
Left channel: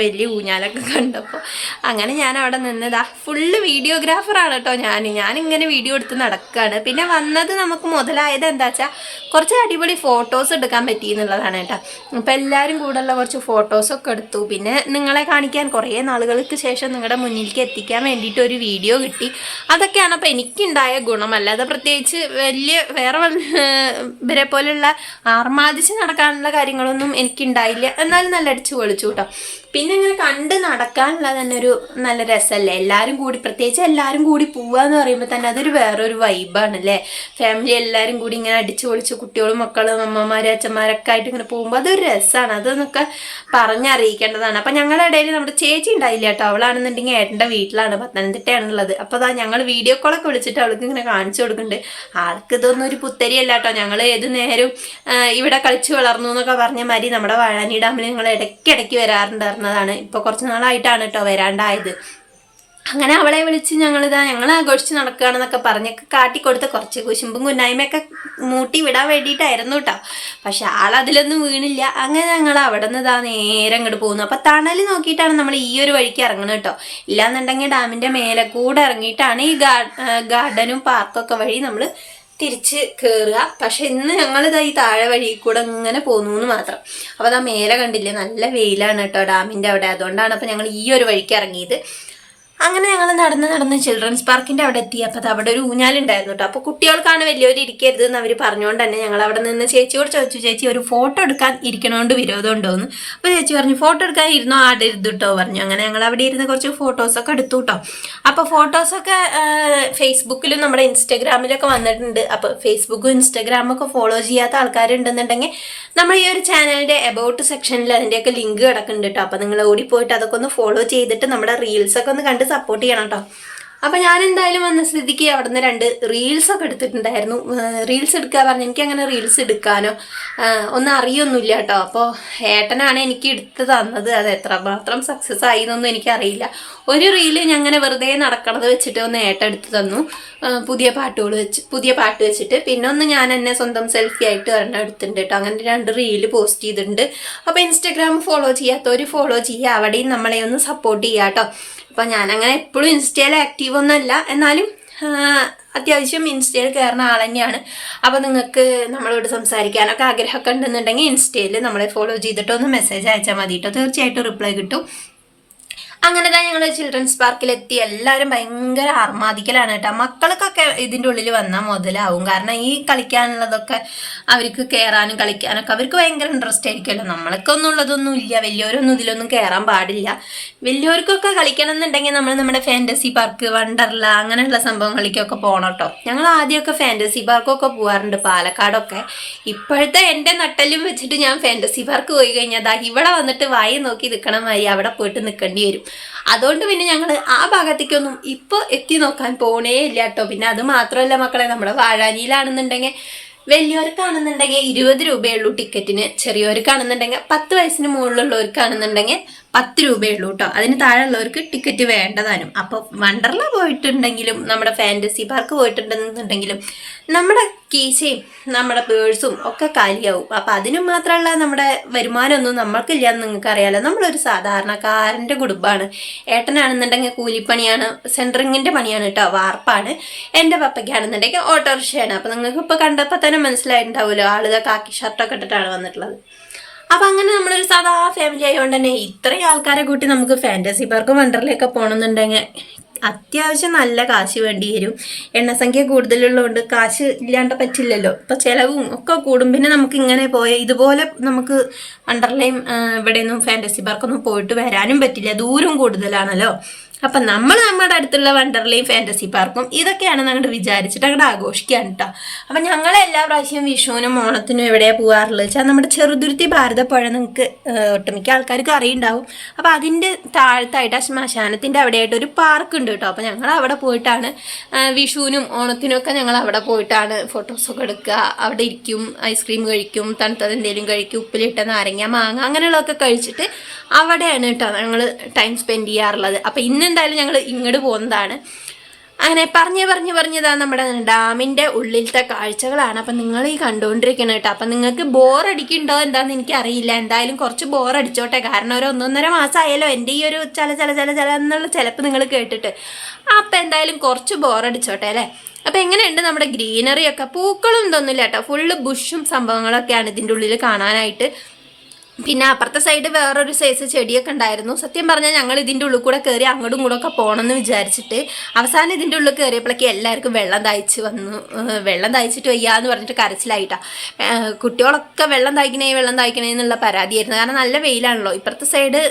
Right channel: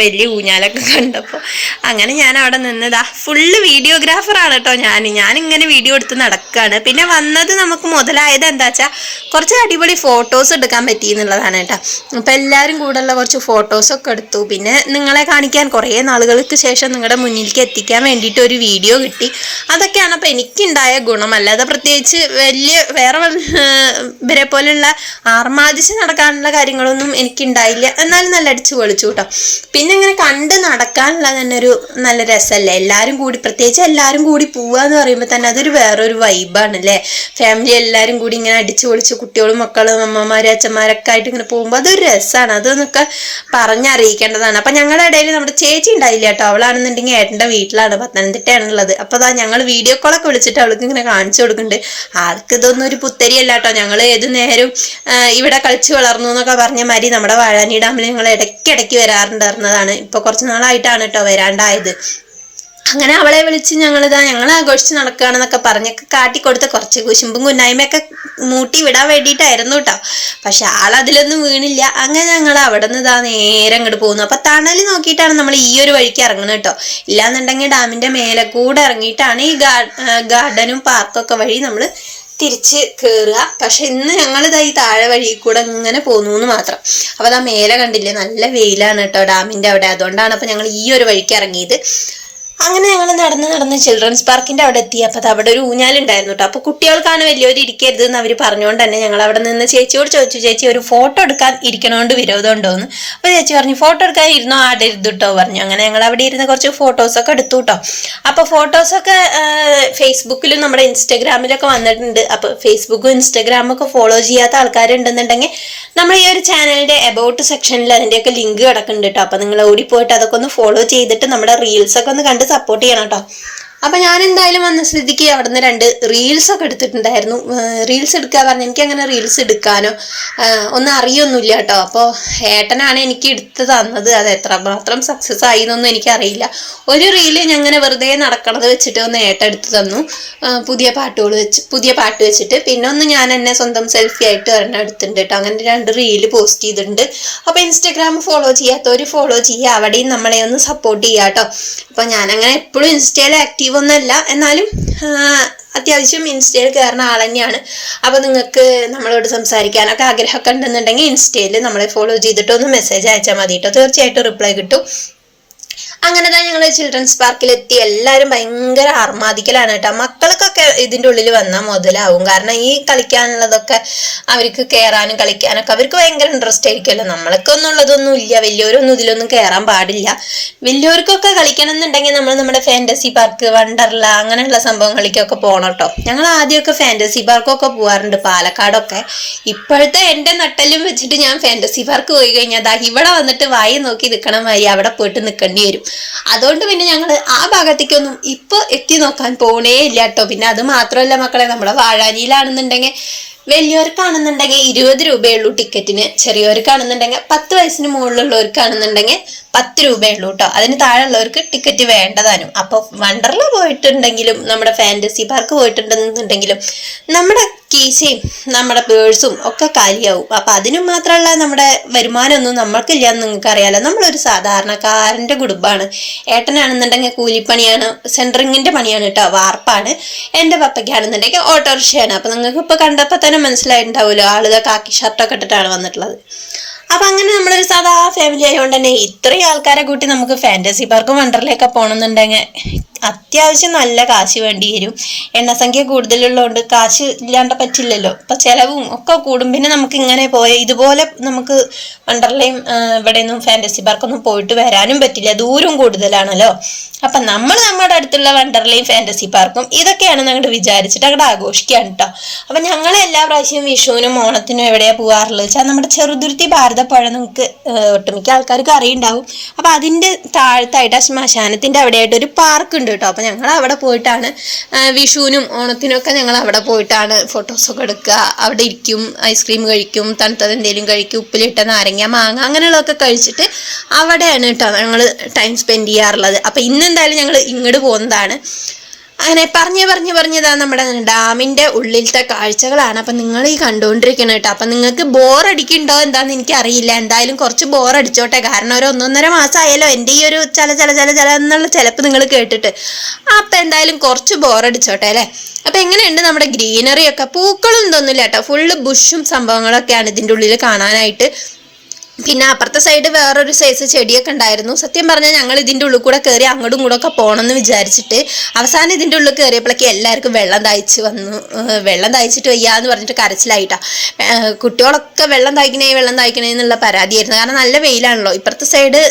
വലിയ ഊഞ്ഞാലൊക്കെ കണ്ടപ്പോൾ അങ്ങനെ ഞാൻ അവിടെ നിന്നതാ ഫുള്ള് വീഡിയോഗ്രാഫറാണ് കേട്ടോ ഞാൻ ഞാനിങ്ങനെ വീഡിയോ എടുത്ത് നടക്കുകയാണ് പിന്നെ വന്നത് നമുക്ക് മുതലായത് എന്താ വെച്ചാൽ കുറച്ച് അടിപൊളി ഫോട്ടോസ് എടുക്കാൻ പറ്റി എന്നുള്ളതാണ് കേട്ടോ അപ്പോൾ എല്ലാവരും കൂടെയുള്ള കുറച്ച് ഫോട്ടോസൊക്കെ എടുത്തു. പിന്നെ നിങ്ങളെ കാണിക്കാൻ കുറേ നാളുകൾക്ക് ശേഷം നിങ്ങളുടെ മുന്നിലേക്ക് എത്തിക്കാൻ വേണ്ടിയിട്ട് ഒരു വീഡിയോ കിട്ടി. അതൊക്കെയാണ് അപ്പോൾ എനിക്കുണ്ടായ ഗുണം. അല്ലാതെ പ്രത്യേകിച്ച് വലിയ വേറെ ഇവരെ പോലെയുള്ള ആർമാദിച്ച് നടക്കാനുള്ള കാര്യങ്ങളൊന്നും എനിക്കുണ്ടായില്ല. എന്നാലും നല്ല അടിച്ച് പൊളിച്ചു കേട്ടോ പിന്നെ ഇങ്ങനെ കണ്ട് നടക്കാനുള്ള തന്നെ ഒരു നല്ല രസമല്ലേ എല്ലാവരും കൂടി പ്രത്യേകിച്ച് എല്ലാവരും കൂടി പോവുക എന്ന് പറയുമ്പോൾ തന്നെ അതൊരു വേറൊരു വൈബാണ് അല്ലേ ഫാമിലി എല്ലാവരും കൂടി ഇങ്ങനെ അടിച്ച് പൊളിച്ച് കുട്ടികളും മക്കളും അമ്മമാരും അച്ഛന്മാരൊക്കെ ആയിട്ട് ഇങ്ങനെ പോകുമ്പോൾ അതൊരു രസമാണ് അതൊന്നൊക്കെ പറഞ്ഞറിയിക്കേണ്ടതാണ്. അപ്പം ഞങ്ങളുടെ ഇടയിൽ നമ്മുടെ ചേച്ചി ഉണ്ടായില്ല കേട്ടോ അവളാണെന്നുണ്ടെങ്കിൽ ഏട്ടന്റെ വീട്ടിലാണ് പത്തനംതിട്ടയാണുള്ളത് അപ്പോൾ അതാ ഞങ്ങൾ വീഡിയോ കോളൊക്കെ വിളിച്ചിട്ട് അവൾക്ക് ഇങ്ങനെ കാണിച്ചു കൊടുക്കുന്നുണ്ട്. ആൾക്ക് ഇതൊന്നും ഒരു പുത്തരിയല്ല കേട്ടോ ഞങ്ങൾ ഏത് നേരം ഇവിടെ കളിച്ച് വളർന്നു എന്നൊക്കെ പറഞ്ഞ മാതിരി നമ്മുടെ വാഴാനി ഡാമിൽ ഞങ്ങൾ ഇടയ്ക്കിടയ്ക്ക് വരാറുണ്ടായിരുന്നതാണ്. ഇപ്പോൾ കുറച്ച് നാളായിട്ടാണ് കേട്ടോ വരാണ്ടായത്. അങ്ങനെ അവളെ വിളിച്ച് ഞങ്ങളിതാ ഞങ്ങൾ ആഘോഷിച്ച് നടക്കുകയാണെന്നൊക്കെ പറഞ്ഞൊക്കെ കാട്ടിക്കൊടുത്ത് കുറച്ച് കുശുമ്പും കുന്നായ്മയൊക്കെ മൂട്ടി വിടാൻ വേണ്ടിയിട്ടായിരുന്നു കേട്ടോ പക്ഷെ ആളതിലൊന്നും വീണില്ല. അങ്ങനെ ഞങ്ങൾ അവിടെ നിന്ന് ഇതാ നേരെ അങ്ങോട്ട് പോകുന്നു. അപ്പം തണൽ നോക്കിയിട്ടാണ് നമ്മൾ ഈ ഒരു വഴിക്ക് ഇറങ്ങുന്നത് കേട്ടോ ഇല്ലാന്നുണ്ടെങ്കിൽ ഡാമിന്റെ മേലെ കൂടെ ഇറങ്ങിയിട്ടാണ് ഈ ഗാർഡനും പാർക്കൊക്കെ വഴി നമ്മൾ തിരിച്ച് കയറുക പക്ഷെ ഇന്ന് ഞങ്ങളിതാ ഈ താഴെ വഴി കൂടെ ഇങ്ങനെ പോന്നു എന്ന് മാത്രം. അപ്പോൾ അതാ മേലെ കണ്ടില്ലേ? നല്ല വെയിലാണ് കേട്ടോ ഡാമിന്റെ അവിടെ. അതുകൊണ്ടാണ് അപ്പോൾ ഞങ്ങൾ ഈ ഒരു വഴിക്ക് ഇറങ്ങിയത്. അങ്ങനെ ഞങ്ങൾ നടന്ന് നടന്ന് ചിൽഡ്രൻസ് പാർക്കിന്റെ അവിടെ എത്തി. അപ്പോൾ അവിടെ ഒരു ഊഞ്ഞാലുണ്ടായിരുന്നു കേട്ടോ. അപ്പോൾ കുട്ടികൾക്കാണ് വലിയൊരു ഇരിക്കരുത് എന്ന് അവർ പറഞ്ഞുകൊണ്ട് തന്നെ ഞങ്ങൾ അവിടെ നിന്ന് ചേച്ചിയോട് ചോദിച്ചു ചേച്ചി ഒരു ഫോട്ടോ എടുക്കാൻ ഇരിക്കണോണ്ട് വിരോധം ഉണ്ടോന്ന്? അപ്പോൾ ചേച്ചി പറഞ്ഞു ഫോട്ടോ എടുക്കാൻ ഇരുന്നോ? ആടെ ഇരുന്നു കേട്ടോ പറഞ്ഞു. അങ്ങനെ ഞങ്ങൾ അവിടെ ഇരുന്ന് കുറച്ച് ഫോട്ടോസൊക്കെ എടുത്തു കേട്ടോ അപ്പോൾ ഫോട്ടോസൊക്കെ ഫേസ്ബുക്കിലും നമ്മുടെ ഇൻസ്റ്റാഗ്രാമിലൊക്കെ വന്നിട്ടുണ്ട്. അപ്പോൾ ഫേസ്ബുക്കും ഇൻസ്റ്റാഗ്രാമും ഒക്കെ ഫോളോ ചെയ്യാത്ത ആൾക്കാരുണ്ടെന്നുണ്ടെങ്കിൽ നമ്മൾ ഈ ഒരു ചാനലിന്റെ എബൌട്ട് സെക്ഷനിൽ അതിന്റെയൊക്കെ ലിങ്ക് കിടക്കുന്നുണ്ട് കേട്ടോ അപ്പോൾ നിങ്ങൾ ഓടിപ്പോയിട്ട് അതൊക്കെ ഒന്ന് ഫോളോ ചെയ്തിട്ട് നമ്മുടെ റീൽസ് ഒക്കെ ഒന്ന് കണ്ട് സപ്പോർട്ട് ചെയ്യണം കേട്ടോ അപ്പം ഞാൻ എന്തായാലും വന്ന സ്ഥിതിക്ക് അവിടെ നിന്ന് രണ്ട് റീൽസ് ഒക്കെ എടുത്തിട്ടുണ്ടായിരുന്നു. റീൽസ് എടുക്കുക പറഞ്ഞാൽ എനിക്ക് അങ്ങനെ റീൽസ് എടുക്കാനോ ഒന്നും അറിയൊന്നുമില്ല കേട്ടോ. അപ്പോൾ ഏട്ടനാണ് എനിക്ക് എടുത്ത് തന്നത്. അത് എത്രമാത്രം സക്സസ് ആയി എന്നൊന്നും എനിക്കറിയില്ല. ഒരു റീൽ ഞാൻ അങ്ങനെ വെറുതെ നടക്കണത് വെച്ചിട്ട് ഒന്ന് ഏട്ടൻ എടുത്ത് തന്നു. പുതിയ പാട്ടുകൾ വെച്ച് പുതിയ പാട്ട് വെച്ചിട്ട്. പിന്നെ ഒന്ന് ഞാൻ എന്നെ സ്വന്തം സെൽഫി ആയിട്ട് ഒരെണ്ണം എടുത്തിട്ടുണ്ട് കേട്ടോ. അങ്ങനെ രണ്ട് റീൽ പോസ്റ്റ് ചെയ്തിട്ടുണ്ട്. അപ്പോൾ ഇൻസ്റ്റാഗ്രാം ഫോളോ ചെയ്യാത്തവർ ഫോളോ ചെയ്യുക. അവിടെയും നമ്മളെ ഒന്ന് സപ്പോർട്ട് ചെയ്യുക കേട്ടോ. അപ്പോൾ ഞാനങ്ങനെ എപ്പോഴും ഇൻസ്റ്റയിൽ ആക്റ്റീവ് ഒന്നല്ല എന്നാലും അത്യാവശ്യം ഇൻസ്റ്റയിൽ കയറുന്ന ആൾ തന്നെയാണ്. അപ്പോൾ നിങ്ങൾക്ക് നമ്മളോട് സംസാരിക്കാനൊക്കെ ആഗ്രഹമൊക്കെ ഉണ്ടെന്നുണ്ടെങ്കിൽ ഇൻസ്റ്റയിൽ നമ്മളെ ഫോളോ ചെയ്തിട്ടൊന്ന് മെസ്സേജ് അയച്ചാൽ മതി കേട്ടോ തീർച്ചയായിട്ടും റിപ്ലൈ കിട്ടും. അങ്ങനെ തന്നെ ഞങ്ങൾ ചിൽഡ്രൻസ് പാർക്കിലെത്തി എല്ലാവരും ഭയങ്കര ആർമാദിക്കലാണ് കേട്ടോ. മക്കൾക്കൊക്കെ ഇതിന്റെ ഉള്ളിൽ വന്നാൽ മുതലാവും. കാരണം ഈ കളിക്കാനുള്ളതൊക്കെ അവർക്ക് കയറാനും കളിക്കാനൊക്കെ അവർക്ക് ഭയങ്കര ഇൻട്രസ്റ്റ് ആയിരിക്കുമല്ലോ. നമ്മൾക്കൊന്നും ഉള്ളതൊന്നും ഇല്ല. വലിയവരൊന്നും ഇതിലൊന്നും കയറാൻ പാടില്ല. വലിയവർക്കൊക്കെ കളിക്കണം എന്നുണ്ടെങ്കിൽ നമ്മൾ നമ്മുടെ ഫാന്റസി പാർക്ക് വണ്ടർല അങ്ങനെയുള്ള സംഭവങ്ങളിലേക്കൊക്കെ പോകണം കേട്ടോ. ഞങ്ങൾ ആദ്യമൊക്കെ ഫാന്റസി പാർക്കൊക്കെ പോകാറുണ്ട് പാലക്കാടൊക്കെ. ഇപ്പോഴത്തെ എന്റെ നട്ടലും വെച്ചിട്ട് ഞാൻ ഫാന്റസി പാർക്ക് പോയി കഴിഞ്ഞാൽ ഇവിടെ വന്നിട്ട് വായി നോക്കി നിൽക്കണ മാതിരി അവിടെ പോയിട്ട് നിൽക്കേണ്ടി വരും. അതുകൊണ്ട് പിന്നെ ഞങ്ങൾ ആ ഭാഗത്തേക്കൊന്നും ഇപ്പോൾ എത്തി നോക്കാൻ പോണേ ഇല്ല കേട്ടോ പിന്നെ അത് മാത്രമല്ല മക്കളെ നമ്മുടെ വാഴാനിയിലാണെന്നുണ്ടെങ്കിൽ വലിയവർക്കാണെന്നുണ്ടെങ്കിൽ ഇരുപത് രൂപയുള്ളൂ ടിക്കറ്റിന് ചെറിയവർക്കാണെന്നുണ്ടെങ്കിൽ പത്ത് വയസ്സിന് മുകളിലുള്ളവർക്കാണെന്നുണ്ടെങ്കിൽ പത്ത് രൂപയുള്ളൂ കേട്ടോ അതിന് താഴെയുള്ളവർക്ക് ടിക്കറ്റ് വേണ്ടതാനും. അപ്പോൾ വണ്ടർല പോയിട്ടുണ്ടെങ്കിലും നമ്മുടെ ഫാന്റസി പാർക്ക് പോയിട്ടുണ്ടെന്നുണ്ടെങ്കിലും നമ്മുടെ കീശയും നമ്മുടെ പേഴ്സും ഒക്കെ കാലിയാവും. അപ്പം അതിനു മാത്രമല്ല നമ്മുടെ വരുമാനമൊന്നും നമ്മൾക്കില്ല എന്ന് നിങ്ങൾക്ക് അറിയാലോ നമ്മളൊരു സാധാരണക്കാരന്റെ കുടുംബമാണ്. ഏട്ടനാണെന്നുണ്ടെങ്കിൽ കൂലിപ്പണിയാണ് സെന്ററിങ്ങിന്റെ പണിയാണ് കേട്ടോ വാർപ്പാണ്. എന്റെ പപ്പയ്ക്കാണെന്നുണ്ടെങ്കിൽ ഓട്ടോറിക്ഷയാണ് അപ്പം നിങ്ങൾക്ക് ഇപ്പോൾ കണ്ടപ്പോൾ തന്നെ മനസ്സിലായിട്ടുണ്ടാവുമല്ലോ. ആളുകൾ കാക്കി ഷർട്ടൊക്കെ ഇട്ടിട്ടാണ് വന്നിട്ടുള്ളത്. അപ്പം അങ്ങനെ നമ്മളൊരു സാധാ ഫാമിലി ആയതുകൊണ്ട് തന്നെ ഇത്രയും ആൾക്കാരെ കൂട്ടി നമുക്ക് ഫാന്റസി പാർക്കും വണ്ടറിലേക്ക് പോകണമെന്നുണ്ടെങ്കിൽ അത്യാവശ്യം നല്ല കാശ് വേണ്ടി വരും. എണ്ണസംഖ്യ കൂടുതലുള്ളതുകൊണ്ട് കാശ് ഇല്ലാണ്ട് പറ്റില്ലല്ലോ. ഇപ്പം ചിലവും ഒക്കെ കൂടും. പിന്നെ നമുക്ക് ഇങ്ങനെ പോയ ഇതുപോലെ നമുക്ക് വണ്ടർലയും ഇവിടെയൊന്നും ഫാന്റസി പാർക്കൊന്നും പോയിട്ട് വരാനും പറ്റില്ല. ദൂരം കൂടുതലാണല്ലോ. അപ്പം നമ്മൾ നമ്മുടെ അടുത്തുള്ള വണ്ടർലയും ഫാന്റസി പാർക്കും ഇതൊക്കെയാണ് ഞങ്ങൾ വിചാരിച്ചിട്ട് അങ്ങോട്ട് ആഘോഷിക്കുകയാണ് കേട്ടോ അപ്പം ഞങ്ങൾ എല്ലാ പ്രാവശ്യവും വിഷുവിനും ഓണത്തിനും എവിടെയാണ് പോകാറുള്ളത് വെച്ചാൽ നമ്മുടെ ചെറുതുരുത്തി ഭാരതപ്പുഴ നിങ്ങൾക്ക് ഒട്ടുമിക്ക ആൾക്കാർക്ക് അറിയുണ്ടാവും. അപ്പം അതിന്റെ താഴത്തായിട്ട് ശ്മശാനത്തിന്റെ അവിടെയായിട്ട് ഒരു പാർക്ക് ഉണ്ട് കേട്ടോ. അപ്പം ഞങ്ങൾ അവിടെ പോയിട്ടാണ് വിഷുവിനും ഓണത്തിനും ഒക്കെ ഞങ്ങൾ അവിടെ പോയിട്ടാണ് ഫോട്ടോസൊക്കെ എടുക്കുക. അവിടെ ഇരിക്കും ഐസ്ക്രീം കഴിക്കും തണുത്തത് എന്തെങ്കിലും കഴിക്കും ഉപ്പിലിട്ട നാരങ്ങ മാങ്ങ അങ്ങനെയുള്ളതൊക്കെ കഴിച്ചിട്ട് അവിടെയാണ് കേട്ടോ ഞങ്ങൾ ടൈം സ്പെൻഡ് ചെയ്യാറുള്ളത്. അപ്പോൾ ഇന്ന് എന്തായാലും ഞങ്ങൾ ഇങ്ങോട്ട് പോകുന്നതാണ് അങ്ങനെ പറഞ്ഞ് പറഞ്ഞ് പറഞ്ഞതാ നമ്മുടെ ഡാമിന്റെ ഉള്ളിലത്തെ കാഴ്ചകളാണ്. അപ്പം നിങ്ങൾ ഈ കണ്ടുകൊണ്ടിരിക്കണം കേട്ടോ അപ്പം നിങ്ങൾക്ക് ബോർ അടിക്കുന്നുണ്ടോ എന്താണെന്ന് എനിക്കറിയില്ല. എന്തായാലും കുറച്ച് ബോർ അടിച്ചോട്ടെ. കാരണം ഒരു ഒന്നൊന്നര മാസമായാലോ എന്റെ ഈ ഒരു ചില ചില ചില ചില എന്നുള്ള ചിലപ്പ് നിങ്ങൾ കേട്ടിട്ട്. അപ്പം എന്തായാലും കുറച്ച് ബോർ അടിച്ചോട്ടെ അല്ലേ? അപ്പം എങ്ങനെയുണ്ട് നമ്മുടെ ഗ്രീനറിയൊക്കെ പൂക്കളും ഇതൊന്നുമില്ല കേട്ടോ ഫുള്ള് ബുഷും സംഭവങ്ങളൊക്കെയാണ് ഇതിന്റെ ഉള്ളിൽ കാണാനായിട്ട് പിന്നെ അപ്പുറത്തെ സൈഡ് വേറൊരു സൈസ് ചെടിയൊക്കെ ഉണ്ടായിരുന്നു. സത്യം പറഞ്ഞാൽ ഞങ്ങൾ ഇതിന്റെ ഉള്ളിൽ കൂടെ കയറി അങ്ങോട്ടും ഇങ്ങോട്ടും ഒക്കെ പോകണമെന്ന് വിചാരിച്ചിട്ട് അവസാനം ഇതിന്റെ ഉള്ളിൽ കയറിയപ്പോഴേക്ക് എല്ലാവർക്കും വെള്ളം തയ്ച്ച് വന്നു. വെള്ളം തയ്ച്ചിട്ട് വയ്യാന്ന് പറഞ്ഞിട്ട് കരച്ചിലായിട്ടാ. കുട്ടികളൊക്കെ വെള്ളം തയ്ക്കണേ വെള്ളം തയ്ക്കണേ എന്നുള്ള പരാതിയായിരുന്നു. കാരണം നല്ല വെയിലാണല്ലോ. ഇപ്പുറത്തെ സൈഡ്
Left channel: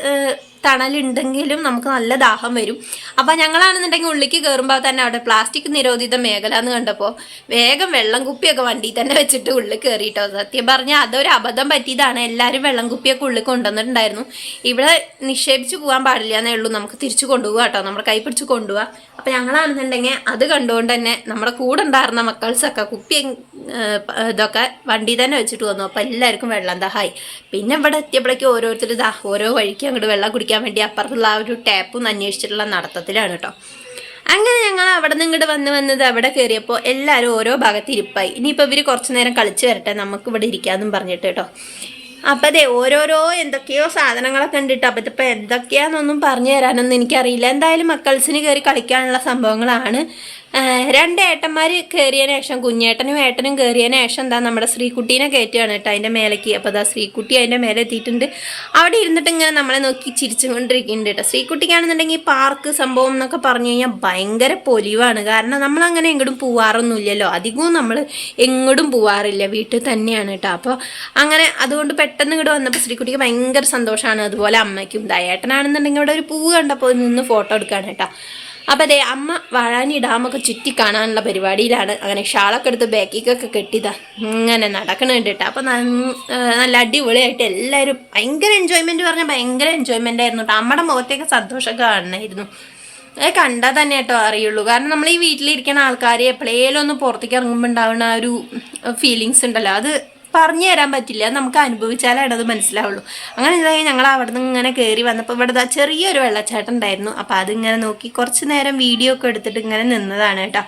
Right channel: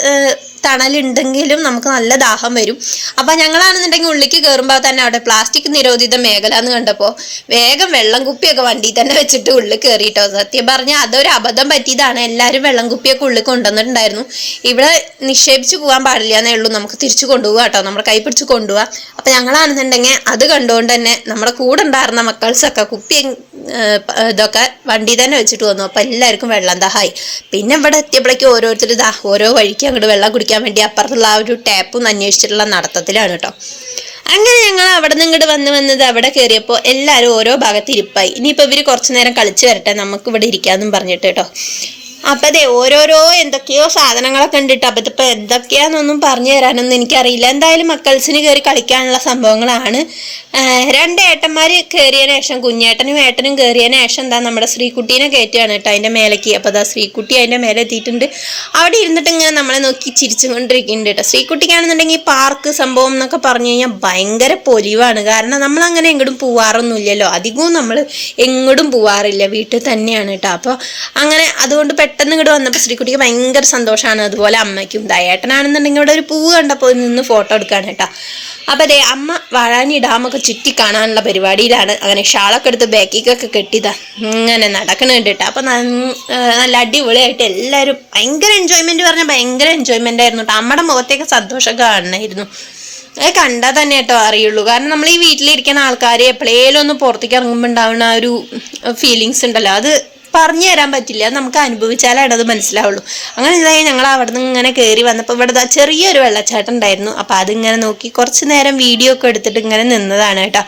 തണലുണ്ടെങ്കിലും നമുക്ക് നല്ല ദാഹം വരും. അപ്പോൾ ഞങ്ങളാണെന്നുണ്ടെങ്കിൽ ഉള്ളിക്ക് കയറുമ്പോൾ തന്നെ അവിടെ പ്ലാസ്റ്റിക് നിരോധിത മേഖല എന്ന് കണ്ടപ്പോൾ വേഗം വെള്ളം കുപ്പിയൊക്കെ വണ്ടിയിൽ തന്നെ വെച്ചിട്ട് ഉള്ളിൽ കയറിയിട്ടോ സത്യം പറഞ്ഞാൽ അതൊരു അബദ്ധം പറ്റിയതാണ്. എല്ലാവരും വെള്ളം കുപ്പിയൊക്കെ ഉള്ളിൽ കൊണ്ടുവന്നിട്ടുണ്ടായിരുന്നു. ഇവിടെ നിക്ഷേപിച്ച് പോകാൻ പാടില്ല എന്നേ ഉള്ളൂ. നമുക്ക് തിരിച്ചു കൊണ്ടുപോകാം കേട്ടോ. നമ്മുടെ കൈ പിടിച്ച് കൊണ്ടുപോകാം അപ്പോൾ ഞങ്ങളാണെന്നുണ്ടെങ്കിൽ അത് കണ്ടുകൊണ്ട് തന്നെ നമ്മുടെ കൂടെ ഉണ്ടായിരുന്ന മക്കൾസൊക്കെ കുപ്പി ഇതൊക്കെ വണ്ടി തന്നെ വെച്ചിട്ട് വന്നു. അപ്പോൾ എല്ലാവർക്കും വെള്ളം ദാഹായി പിന്നെ ഇവിടെ എത്തിയപ്പോഴേക്കും ഓരോരുത്തർ ദാ ഓരോ വഴിക്ക് അങ്ങോട്ട് വെള്ളം കുടിക്കാൻ വേണ്ടി അപ്പുറത്തുള്ള ആ ഒരു ടാപ്പും അന്വേഷിച്ചിട്ടുള്ള നടത്തത്തിലാണ് കേട്ടോ അങ്ങനെ ഞങ്ങൾ അവിടെ നിന്ന് ഇങ്ങോട്ട് വന്ന് വന്നത് അവിടെ കയറിയപ്പോൾ എല്ലാവരും ഓരോ ഭാഗത്ത് ഇരിപ്പായി. ഇനിയിപ്പോൾ ഇവർ കുറച്ച് നേരം കളിച്ച് വരട്ടെ നമുക്ക് ഇവിടെ ഇരിക്കാമെന്നും പറഞ്ഞിട്ട് കേട്ടോ അപ്പം അതെ ഓരോരോ എന്തൊക്കെയോ സാധനങ്ങളൊക്കെ ഉണ്ടിട്ട് അപ്പം ഇതിപ്പോൾ എന്തൊക്കെയാണെന്നൊന്നും പറഞ്ഞു തരാനൊന്നും എനിക്കറിയില്ല. എന്തായാലും മക്കൾസിന് കയറി കളിക്കാനുള്ള സംഭവങ്ങളാണ്. രണ്ട് ഏട്ടന്മാർ കയറിയതിന് ശേഷം കുഞ്ഞേട്ടനും ഏട്ടനും കയറിയതിന് ശേഷം എന്താ നമ്മുടെ ശ്രീകുട്ടീനെ കയറ്റുകയാണ് കേട്ടോ അതിന്റെ മേലേക്ക്. അപ്പോൾ അതാ ശ്രീകുട്ടി അതിന്റെ മേലെ എത്തിയിട്ടുണ്ട്. അവിടെ ഇരുന്നിട്ട് ഇങ്ങനെ നമ്മളെ നോക്കി ചിരിച്ചുകൊണ്ടിരിക്കുന്നുണ്ട് കേട്ടോ. ശ്രീകുട്ടിക്കാണെന്നുണ്ടെങ്കിൽ പാർക്ക് സംഭവം എന്നൊക്കെ പറഞ്ഞു കഴിഞ്ഞാൽ ഭയങ്കര പൊലിവാണ്. കാരണം നമ്മൾ അങ്ങനെ എങ്ങോട്ടും പോവാറൊന്നുമില്ലല്ലോ. അധികവും നമ്മൾ എങ്ങോട്ടും പോവാറില്ല. വീട്ടിൽ തന്നെയാണ് കേട്ടോ. അപ്പോൾ അങ്ങനെ അതുകൊണ്ട് പെട്ടെന്ന് ഇങ്ങോട്ട് വന്നപ്പോൾ ശ്രീകുട്ടിക്ക് ഭയങ്കര സന്തോഷമാണ്. അതുപോലെ അമ്മയ്ക്കും ദയേട്ടനാണെന്നുണ്ടെങ്കിൽ ഇവിടെ ഒരു പൂവ് കണ്ടപ്പോൾ നിന്ന് ഫോട്ടോ എടുക്കുകയാണ് കേട്ടോ. അപ്പോൾ അതെ അമ്മ വാഴാനി ഡാമൊക്കെ ചുറ്റി കാണാനുള്ള പരിപാടിയിലാണ്. അങ്ങനെ ഷാളൊക്കെ എടുത്ത് ബാക്കിക്കൊക്കെ കെട്ടിയതാ ഇങ്ങനെ നടക്കണം കേട്ടോ അപ്പം നല്ല അടിപൊളിയായിട്ട് എല്ലാവരും ഭയങ്കര എൻജോയ്മെന്റ് പറഞ്ഞാൽ ഭയങ്കര എൻജോയ്മെന്റ് ആയിരുന്നു കേട്ടോ അമ്മയുടെ മുഖത്തേക്ക് സന്തോഷം കാണണമായിരുന്നു അത് കണ്ടാൽ തന്നെ കേട്ടോ അറിയുള്ളൂ. കാരണം നമ്മൾ ഈ വീട്ടിലിരിക്കുന്ന ആൾക്കാർ എപ്പോഴേലും ഒന്ന് പുറത്തേക്ക് ഇറങ്ങുമ്പോൾ ഉണ്ടാവുന്ന ആ ഒരു ഫീലിങ്സ് ഉണ്ടല്ലോ. അത് പറഞ്ഞു തരാൻ പറ്റില്ല. നമുക്ക് അനുഭവിച്ചാലാണ് അത് മനസ്സിലാവുള്ളൂ. അങ്ങനെ ഇതായി ഞങ്ങൾ അവിടെ നിന്ന് ഇങ്ങനെ കയറി വന്നപ്പോൾ ഇവിടെ ചെറിയൊരു വെള്ളച്ചാട്ടം ഉണ്ടായിരുന്നു. അപ്പോൾ അതിങ്ങനെ നോക്കി കുറച്ച് നേരം വീഡിയോ ഒക്കെ എടുത്തിട്ട് ഇങ്ങനെ നിന്നതാണ് കേട്ടോ.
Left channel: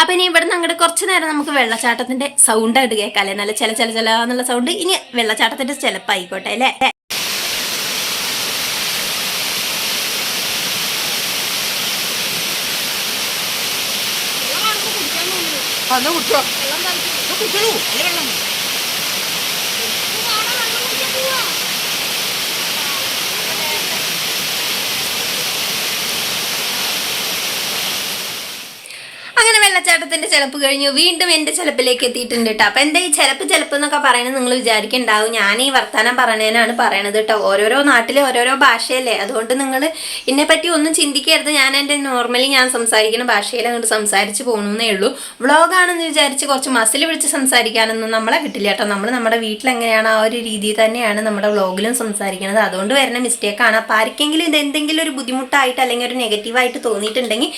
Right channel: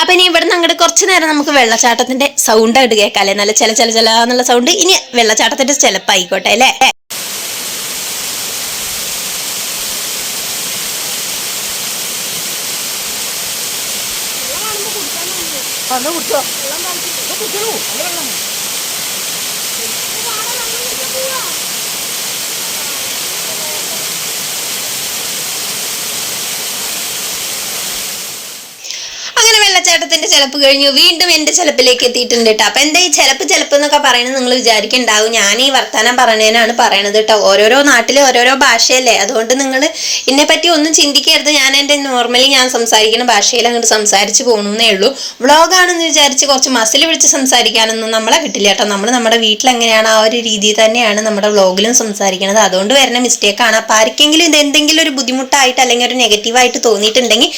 അപ്പം ഇനി ഇവിടെ നിന്ന് അങ്ങോട്ട് കുറച്ച് നേരം നമുക്ക് വെള്ളച്ചാട്ടത്തിന്റെ സൗണ്ട് ആയിട്ട് കേൾക്കാം നല്ല ചില ചില ചില എന്നുള്ള സൗണ്ട് ഇനി വെള്ളച്ചാട്ടത്തിന്റെ ചിലപ്പായിക്കോട്ടെ അല്ലേ? എന്നാ കുടിച്ചോ കുടിച്ചോളൂ നല്ല വെള്ളം അങ്ങനെ ചേട്ടത്തിന്റെ ചിലപ്പ് കഴിഞ്ഞു. വീണ്ടും എന്റെ ചിലപ്പിലേക്ക് എത്തിയിട്ടുണ്ട് കേട്ടോ അപ്പൊ എന്താ ഈ ചിലപ്പ് ചിലപ്പ് എന്നൊക്കെ പറയുന്നത് നിങ്ങൾ വിചാരിക്കുന്നുണ്ടാവും ഞാൻ ഈ വർത്താനം പറഞ്ഞതിനാണ് പറയണത് കേട്ടോ ഓരോരോ നാട്ടിലെ ഓരോരോ ഭാഷയല്ലേ. അതുകൊണ്ട് നിങ്ങൾ എന്നെ പറ്റി ഒന്നും ചിന്തിക്കരുത്. ഞാൻ എന്റെ നോർമലി ഞാൻ സംസാരിക്കുന്ന ഭാഷയിൽ അങ്ങോട്ട് സംസാരിച്ച് പോകുന്നേ ഉള്ളൂ. വ്ളോഗാണെന്ന് വിചാരിച്ച് കുറച്ച് മസിൽ പിടിച്ച് സംസാരിക്കാനൊന്നും നമ്മളെ കിട്ടില്ല കേട്ടോ നമ്മൾ നമ്മുടെ വീട്ടിൽ എങ്ങനെയാണ് ആ ഒരു രീതിയിൽ തന്നെയാണ് നമ്മുടെ വ്ളോഗിലും സംസാരിക്കുന്നത് അതുകൊണ്ട് വരുന്ന മിസ്റ്റേക്കാണ് അപ്പോൾ ആർക്കെങ്കിലും ഇത് എന്തെങ്കിലും ഒരു ബുദ്ധിമുട്ടായിട്ട് അല്ലെങ്കിൽ ഒരു നെഗറ്റീവായിട്ട് തോന്നിയിട്ടുണ്ടെങ്കിൽ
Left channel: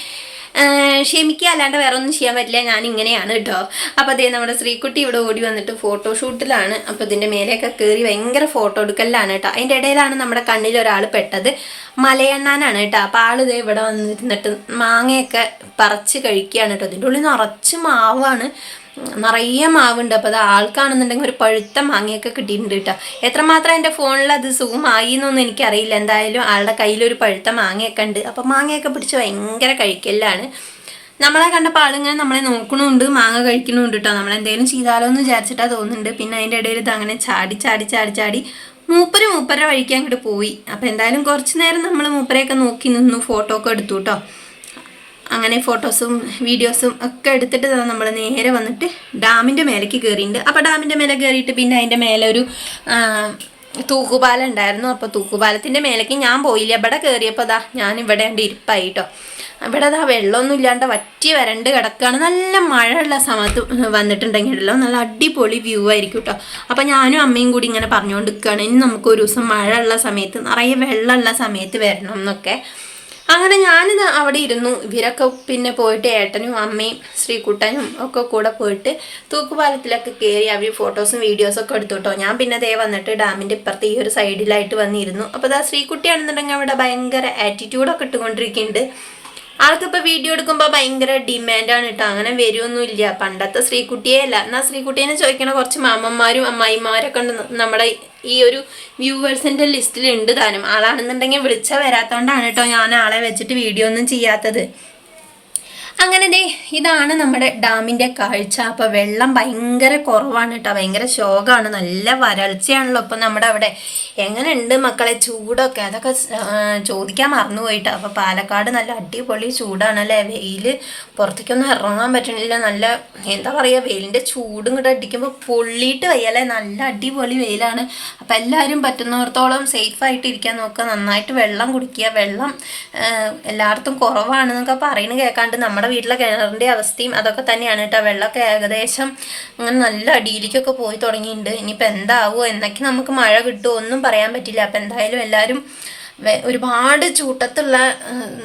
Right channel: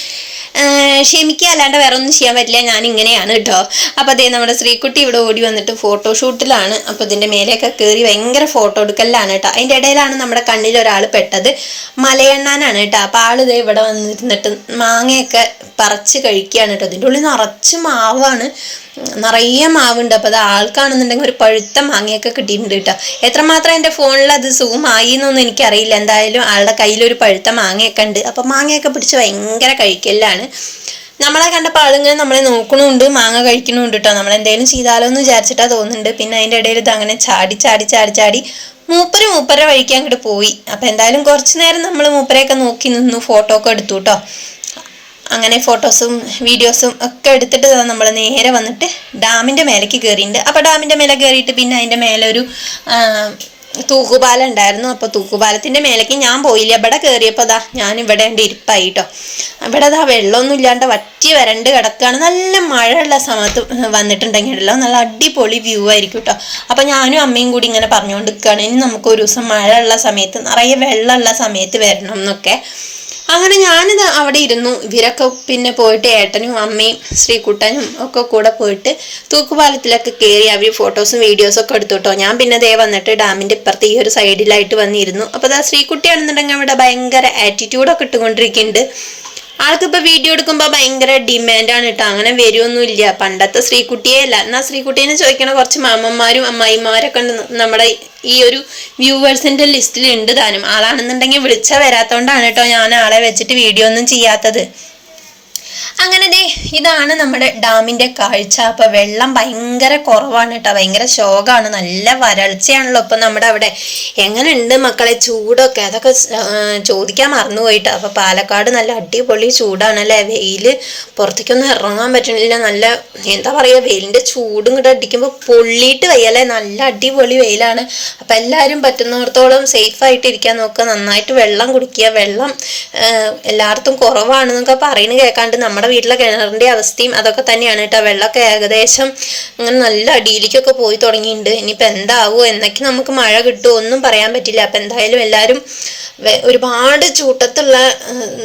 ക്ഷമിക്കുക അല്ലാണ്ട് വേറെ ഒന്നും ചെയ്യാൻ പറ്റില്ല. ഞാൻ ഇങ്ങനെയാണ് കേട്ടോ അപ്പോൾ അതേ നമ്മുടെ ശ്രീകുട്ടി ഇവിടെ ഓടി വന്നിട്ട് ഫോട്ടോഷൂട്ടിലാണ്. അപ്പോൾ ഇതിന്റെ മേലെയൊക്കെ കയറി ഭയങ്കര ഫോട്ടോ എടുക്കലാണ് കേട്ടോ അതിന്റെ ഇടയിലാണ് നമ്മുടെ കണ്ണിൽ ഒരാൾ പെട്ടത്. മലയണ്ണാനാണ് കേട്ടോ അപ്പോൾ ആൾ ഇതേ ഇവിടെ വന്നിരുന്നിട്ട് മാങ്ങയൊക്കെ പറിച്ച് കഴിക്കുകയാണ് കേട്ടോ അതിന്റെ ഉള്ളിൽ നിറച്ച് മാവാണ്. നിറയെ മാവുണ്ട്. അപ്പോൾ അത് ആൾക്കാണെന്നുണ്ടെങ്കിൽ ഒരു പഴുത്ത മാങ്ങയൊക്കെ കിട്ടിയിട്ടുണ്ട് കേട്ടോ. എത്രമാത്രം എന്റെ ഫോണിൽ അത് സൂം ആയി എന്നൊന്നും എനിക്കറിയില്ല. എന്തായാലും ആളുടെ കയ്യിലൊരു പഴുത്ത മാങ്ങയൊക്കെ ഉണ്ട്. അപ്പോൾ മാങ്ങയൊക്കെ പിടിച്ച് ഭയങ്കര കഴിക്കലാണ് നമ്മളെ കണ്ടപ്പോൾ ആളിങ്ങനെ നമ്മളെ നോക്കണുണ്ട് മാങ്ങ കഴിക്കണുണ്ട് കേട്ടോ. നമ്മളെന്തെങ്കിലും ചെയ്താലോ എന്ന് വിചാരിച്ചിട്ടാ തോന്നുന്നുണ്ട്. പിന്നെ അതിന്റെ ഇടയിൽ ഇത് അങ്ങനെ ചാടി ചാടി ചാടി ചാടി മൂപ്പര് മൂപ്പരെ വഴിക്ക് അങ്ങോട്ട് പോയി. അപ്പോൾ എന്തായാലും കുറച്ച് നേരം നമ്മൾ മൂപ്പരെയൊക്കെ നോക്കി നിന്നു ഫോട്ടോ ഒക്കെ എടുത്തു കേട്ടോ. അങ്ങനെ ഫോട്ടോസും വീഡിയോസും ഒക്കെ എടുത്തിട്ട് നമ്മൾ നേരെ വന്നിട്ട് ഡാമിന്റെ മേലേക്ക് കയറിയിട്ടുണ്ട് അപ്പോൾ ഡാമിന്റെ മേലെ കയറിയിട്ട് പിന്നെ അതിന്റെ മേലെ ഒരു തൂക്കുപാലം ഉണ്ടായിരുന്നു. അപ്പോൾ തൂക്കുപാലത്തിന്റെ മേലേക്ക് ഞാൻ പോയില്ല. ഇവിടെ കയറിയപ്പോൾ ദാ ഞാൻ ഇവിടെ ഉണ്ട് ഇരിപ്പായി കേട്ടോ ഇവിടെ ദാ വെള്ളമൊന്നും ഇല്ലാണ്ട് വറ്റി വരണ്ട് കിടക്കുകയാണ് നല്ല മഴയുള്ള സമയത്ത് വന്നിട്ടുണ്ടെങ്കിലല്ലോ നല്ല അടിപൊളി വ്യൂ ആയിരിക്കും കേട്ടോ അപ്പോൾ ഞാനും അമ്മയും കൂടി ഇങ്ങനെ പറഞ്ഞുകൊണ്ട് നിൽക്കുകയാണ് ഇനി നമുക്ക് ഒരു ദിവസം മഴയുള്ള സമയത്ത് നിറയെ വെള്ളമുള്ള സമയത്ത് വരണം എന്നൊക്കെ. അങ്ങനെ ഞാനിത് അവിടെ ഇരുന്നു. ഇവരൊക്കെ പിന്നെ പോയിട്ട് ഏട്ടനും അമ്മയും ശ്രീകുട്ടനും ഒക്കെ കൂടെ പോയിട്ട് തൂക്കുപാലത്തിലൊക്കെ കയറി അവർ ഫോട്ടോസും വീഡിയോസും ഒക്കെ എടുത്തു കേട്ടോ ഞാൻ പിന്നെ ദേ വന്നിട്ട് ഡാമിന്റെ ഇപ്പുറത്ത് ഈ ഒരു സൈഡിലായിട്ട് വന്നിരുന്നു. അപ്പോൾ അതാ ശ്രീകുട്ടിയാണെന്നുണ്ടെങ്കിൽ അവിടെ ഭയങ്കര ആറ്റിറ്റ്യൂഡൊക്കെ ഇട്ടുകൊണ്ടിരിക്കുന്നുണ്ട്. ആൾക്കിപ്പോൾ വീഡിയോ എടുക്കുമ്പോൾ ഭയങ്കര ഡിമാൻഡാണ് കേട്ടോ അങ്ങനെ വരുമൊന്നുമില്ല പണ്ടത്തെ ശ്രീകുട്ടിയെ അല്ല. എന്നാൽ ശ്രീകുട്ടീനെ ചോദിക്കണ കുറച്ച് മാമന്മാരും അമ്മായിമാരൊക്കെ നമ്മുടെ ഈ ഒരു വ്യൂവേഴ്സിന്റെ ലിസ്റ്റിൽ ഉണ്ട് താനും. ആളാണെന്നുണ്ടെങ്കിൽ വിളിച്ച വരാത്തോണ്ടാണ് കേട്ടോ ഞാൻ ആളെ വെച്ചിട്ട് വീഡിയോ ഒന്നും ചെയ്യാത്തത്. അങ്ങനെ ദേ ഇതാണ് നമ്മുടെ ഡാമിന്റെ കാഴ്ച. അപ്പോൾ വെള്ളം ഭയങ്കര കുറവാണ് കേട്ടോ. ഭയങ്കര ശോകമാണ് നല്ല വരൾച്ചയാണല്ലോ ഇപ്പം നമ്മുടെ അവിടെ. എങ്ങനെയുണ്ട് മക്കളെ ചൂടൊക്കെ? അതൊക്കെ ചോദിക്കാൻ മറന്നു ചോദിക്കാൻ മറന്നുപോയിട്ടോ. അപ്പോൾ പാലക്കാട് നല്ല അടിപൊളി ചൂടാണ് അല്ലേ? വെയിൽ പുറത്തേക്കൊന്നും ഇറങ്ങാൻ പറ്റണില്ല. നല്ല എന്താ പറയുക വെയിലിന്റെ ചൂടും കൂടെ അടിക്കുമ്പോൾ പൊള്ളിയിട്ട് വയ്യല്ലേ? നല്ല അടിപൊളി വെയിലാണ്. അപ്പം എല്ലാവരും പറ്റുന്നിടത്തോളം സേഫായിട്ട് ഇരിക്കാൻ നോക്കുക. നന്നായിട്ട് വെള്ളം കുടിക്കുക. വെള്ളം എല്ലായിടത്തും കുറവാണെന്നൊക്കെ പറയുന്നത് കേൾക്കാണ്ട് നമ്മുടെ വീട്ടിലെ കിണറിന്റെ അവസ്ഥയും അതൊക്കെ തന്നെയാണ് കേട്ടോ. വെള്ളമൊക്കെ ഏകദേശം ഇങ്ങനെ നല്ല അടിയിലേക്കൊക്കെ പോയി തുടങ്ങിയിട്ടുണ്ട്. ഇനിയിപ്പോൾ എന്താവുമോ എന്നൊക്കെ നമുക്ക് മഴ കിട്ടുമോ ഒന്നും പറയാൻ പറ്റില്ല. അപ്പം എന്തായാലും എല്ലാവരും ഒരുപാട് ചൂട്ടത്തുള്ള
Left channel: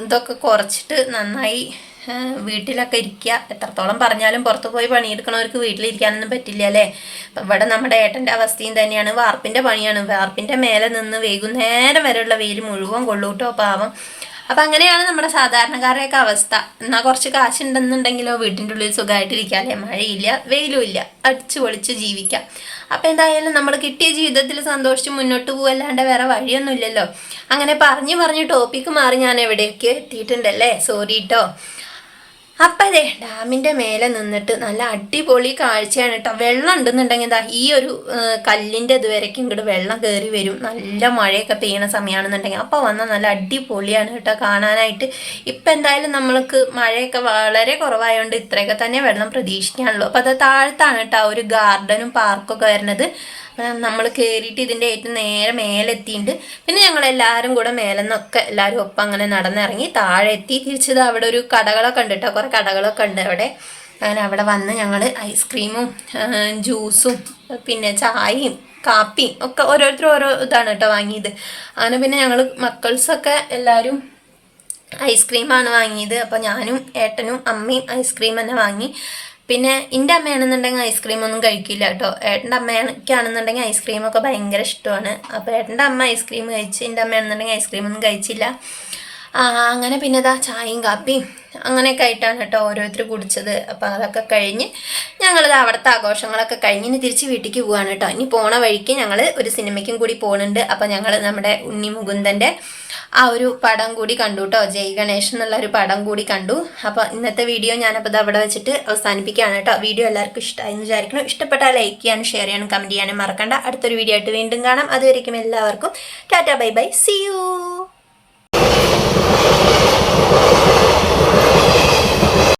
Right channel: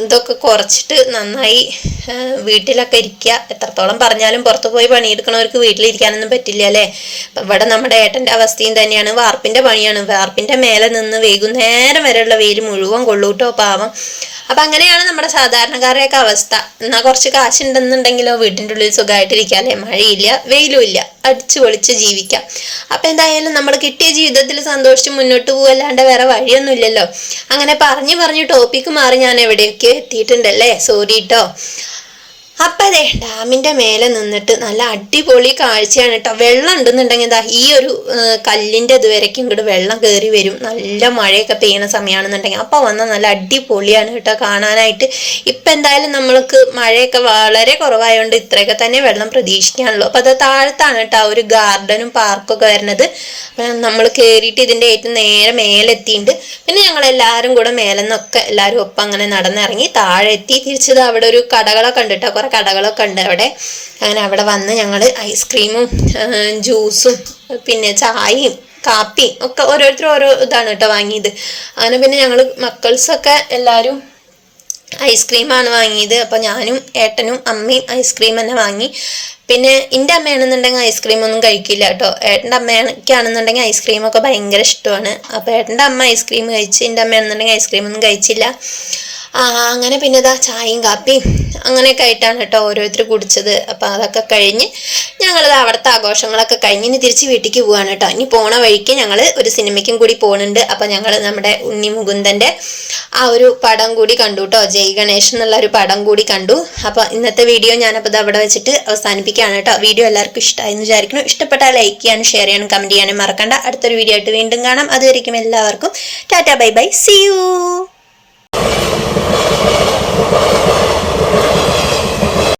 ഇതൊക്കെ കുറച്ചിട്ട് നന്നായി വീട്ടിലൊക്കെ ഇരിക്കുക. എത്രത്തോളം പറഞ്ഞാലും പുറത്ത് പോയി പണിയെടുക്കണവർക്ക് വീട്ടിലിരിക്കാനൊന്നും പറ്റില്ല അല്ലേ? ഇവിടെ നമ്മുടെ ഏട്ടന്റെ അവസ്ഥയും തന്നെയാണ്. വാർപ്പിന്റെ പണിയാണ്. വാർപ്പിന്റെ മേലെ നിന്ന് വൈകുന്നേരം വരെയുള്ള വെയിൽ മുഴുവൻ കൊള്ളൂട്ടോ പാവം. അപ്പം അങ്ങനെയാണ് നമ്മുടെ സാധാരണക്കാരുടെയൊക്കെ അവസ്ഥ. എന്നാൽ കുറച്ച് കാശുണ്ടെന്നുണ്ടെങ്കിലോ വീട്ടിന്റെ ഉള്ളിൽ സുഖമായിട്ടിരിക്കാല്ലേ മഴയില്ല വെയിലും ഇല്ല. അടിച്ചു പൊളിച്ച് ജീവിക്കാം. അപ്പം എന്തായാലും നമ്മൾ കിട്ടിയ ജീവിതത്തിൽ സന്തോഷിച്ച് മുന്നോട്ട് പോവല്ലാണ്ട് വേറെ വഴിയൊന്നുമില്ലല്ലോ. അങ്ങനെ പറഞ്ഞു പറഞ്ഞു ടോപ്പിക്ക് മാറി ഞാൻ എവിടെയൊക്കെ എത്തിയിട്ടുണ്ടല്ലേ? സോറി കേട്ടോ അപ്പം അതെ ഡാമിന്റെ മേലെ നിന്നിട്ട് നല്ല അടിപൊളി കാഴ്ചയാണ് കേട്ടോ വെള്ളം ഉണ്ടെന്നുണ്ടെങ്കിൽ എന്താ ഈ ഒരു കല്ലിന്റെ ഇതുവരയ്ക്കും ഇങ്ങോട്ട് വെള്ളം കയറി വരും. നല്ല മഴയൊക്കെ പെയ്യുന്ന സമയമാണെന്നുണ്ടെങ്കിൽ അപ്പോൾ വന്നാൽ നല്ല അടിപൊളിയാണ് കേട്ടോ കാണാനായിട്ട്. ഇപ്പം എന്തായാലും നമ്മൾക്ക് മഴയൊക്കെ വളരെ കുറവായതുകൊണ്ട് ഇത്രയൊക്കെ തന്നെ വെള്ളം പ്രതീക്ഷിക്കാനുള്ളൂ. അപ്പോൾ അത് താഴത്താണ് കേട്ടോ ഒരു ഗാർഡനും പാർക്കൊക്കെ വരുന്നത്. അപ്പം നമ്മൾ കയറിയിട്ട് ഇതിന്റെ ഏറ്റവും നേരെ മേലെത്തിയിട്ടുണ്ട് പിന്നെ ഞങ്ങൾ എല്ലാവരും കൂടെ മേലെ നിന്നൊക്കെ എല്ലാവരും ഒപ്പം അങ്ങനെ നടന്നിറങ്ങി താഴെ എത്തി തിരിച്ചത് അവിടെ ഒരു കടകളൊക്കെ ഉണ്ട് കേട്ടോ കുറേ കടകളൊക്കെ ഉണ്ട് അവിടെ. അങ്ങനെ അവിടെ വന്ന് ഞങ്ങൾ ഐസ്ക്രീമും ജ്യൂസും പിന്നെ ചായയും കാപ്പിയും ഒക്കെ ഓരോരുത്തരും ഓരോ ഇതാണ് കേട്ടോ വാങ്ങിയത്. അങ്ങനെ പിന്നെ ഞങ്ങൾ മക്കൾസൊക്കെ എല്ലാവരും ഐസ്ക്രീമാണ് വാങ്ങിയത്. അപ്പോൾ ഞാനും ഏട്ടനും അമ്മയും ഐസ്ക്രീം തന്നെ വാങ്ങി. പിന്നെ എന്റെ അമ്മയാണെന്നുണ്ടെങ്കിൽ ഐസ്ക്രീം ഒന്നും കഴിക്കില്ല കേട്ടോ. ഏട്ടന്റെ അമ്മയ്ക്കാണെന്നുണ്ടെങ്കിൽ ഐസ്ക്രീമൊക്കെ ഭയങ്കര ഇഷ്ടമാണ്. അപ്പോൾ ഏട്ടന്റെ അമ്മ ഐസ്ക്രീം കഴിച്ച് എന്റെ അമ്മയാണെന്നുണ്ടെങ്കിൽ ഐസ്ക്രീം ഒന്നും കഴിച്ചില്ല. അങ്ങനെ പിന്നെ ഇതാ ചായയും കാപ്പിയും അങ്ങനെയൊക്കെ ആയിട്ടാണ് കേട്ടോ ഓരോരുത്തർ കുടിച്ചത്. അപ്പോൾ അതൊക്കെ കഴിഞ്ഞ് ഞങ്ങളിത് അവിടുത്തെ ആഘോഷങ്ങളൊക്കെ കഴിഞ്ഞ് ഇനി തിരിച്ച് വീട്ടിലേക്ക് പോവാണ് കേട്ടോ. ഇനി പോണ വഴിക്ക് ഞങ്ങൾ ഒരു സിനിമയ്ക്കും കൂടി പോകുന്നുണ്ട് അപ്പോൾ ഞങ്ങൾ നമ്മുടെ ഉണ്ണി മുകുന്ദന്റെ ആ ഒരു പടം കൂടി കണ്ടു കേട്ടോ. ജയ് ഗണേഷ് എന്നുള്ള ഒരു പടം കൂടി കണ്ടു. അപ്പോൾ ഇന്നത്തെ വീഡിയോ ഞാനപ്പോൾ ഇത് അവിടെ വെച്ചിട്ട് അവസാനിപ്പിക്കുകയാണ് കേട്ടോ. വീഡിയോ എല്ലാവർക്കും ഇഷ്ടമായി എന്ന് വിചാരിക്കുന്നു. ഇഷ്ടപ്പെട്ടാൽ ലൈക്ക് ചെയ്യാനും ഷെയർ ചെയ്യാനും കമന്റ് ചെയ്യാനും മറക്കണ്ട. അടുത്തൊരു വീഡിയോ ആയിട്ട് വീണ്ടും കാണാം. അതുവരെയും എല്ലാവർക്കും. Tata bye bye. See you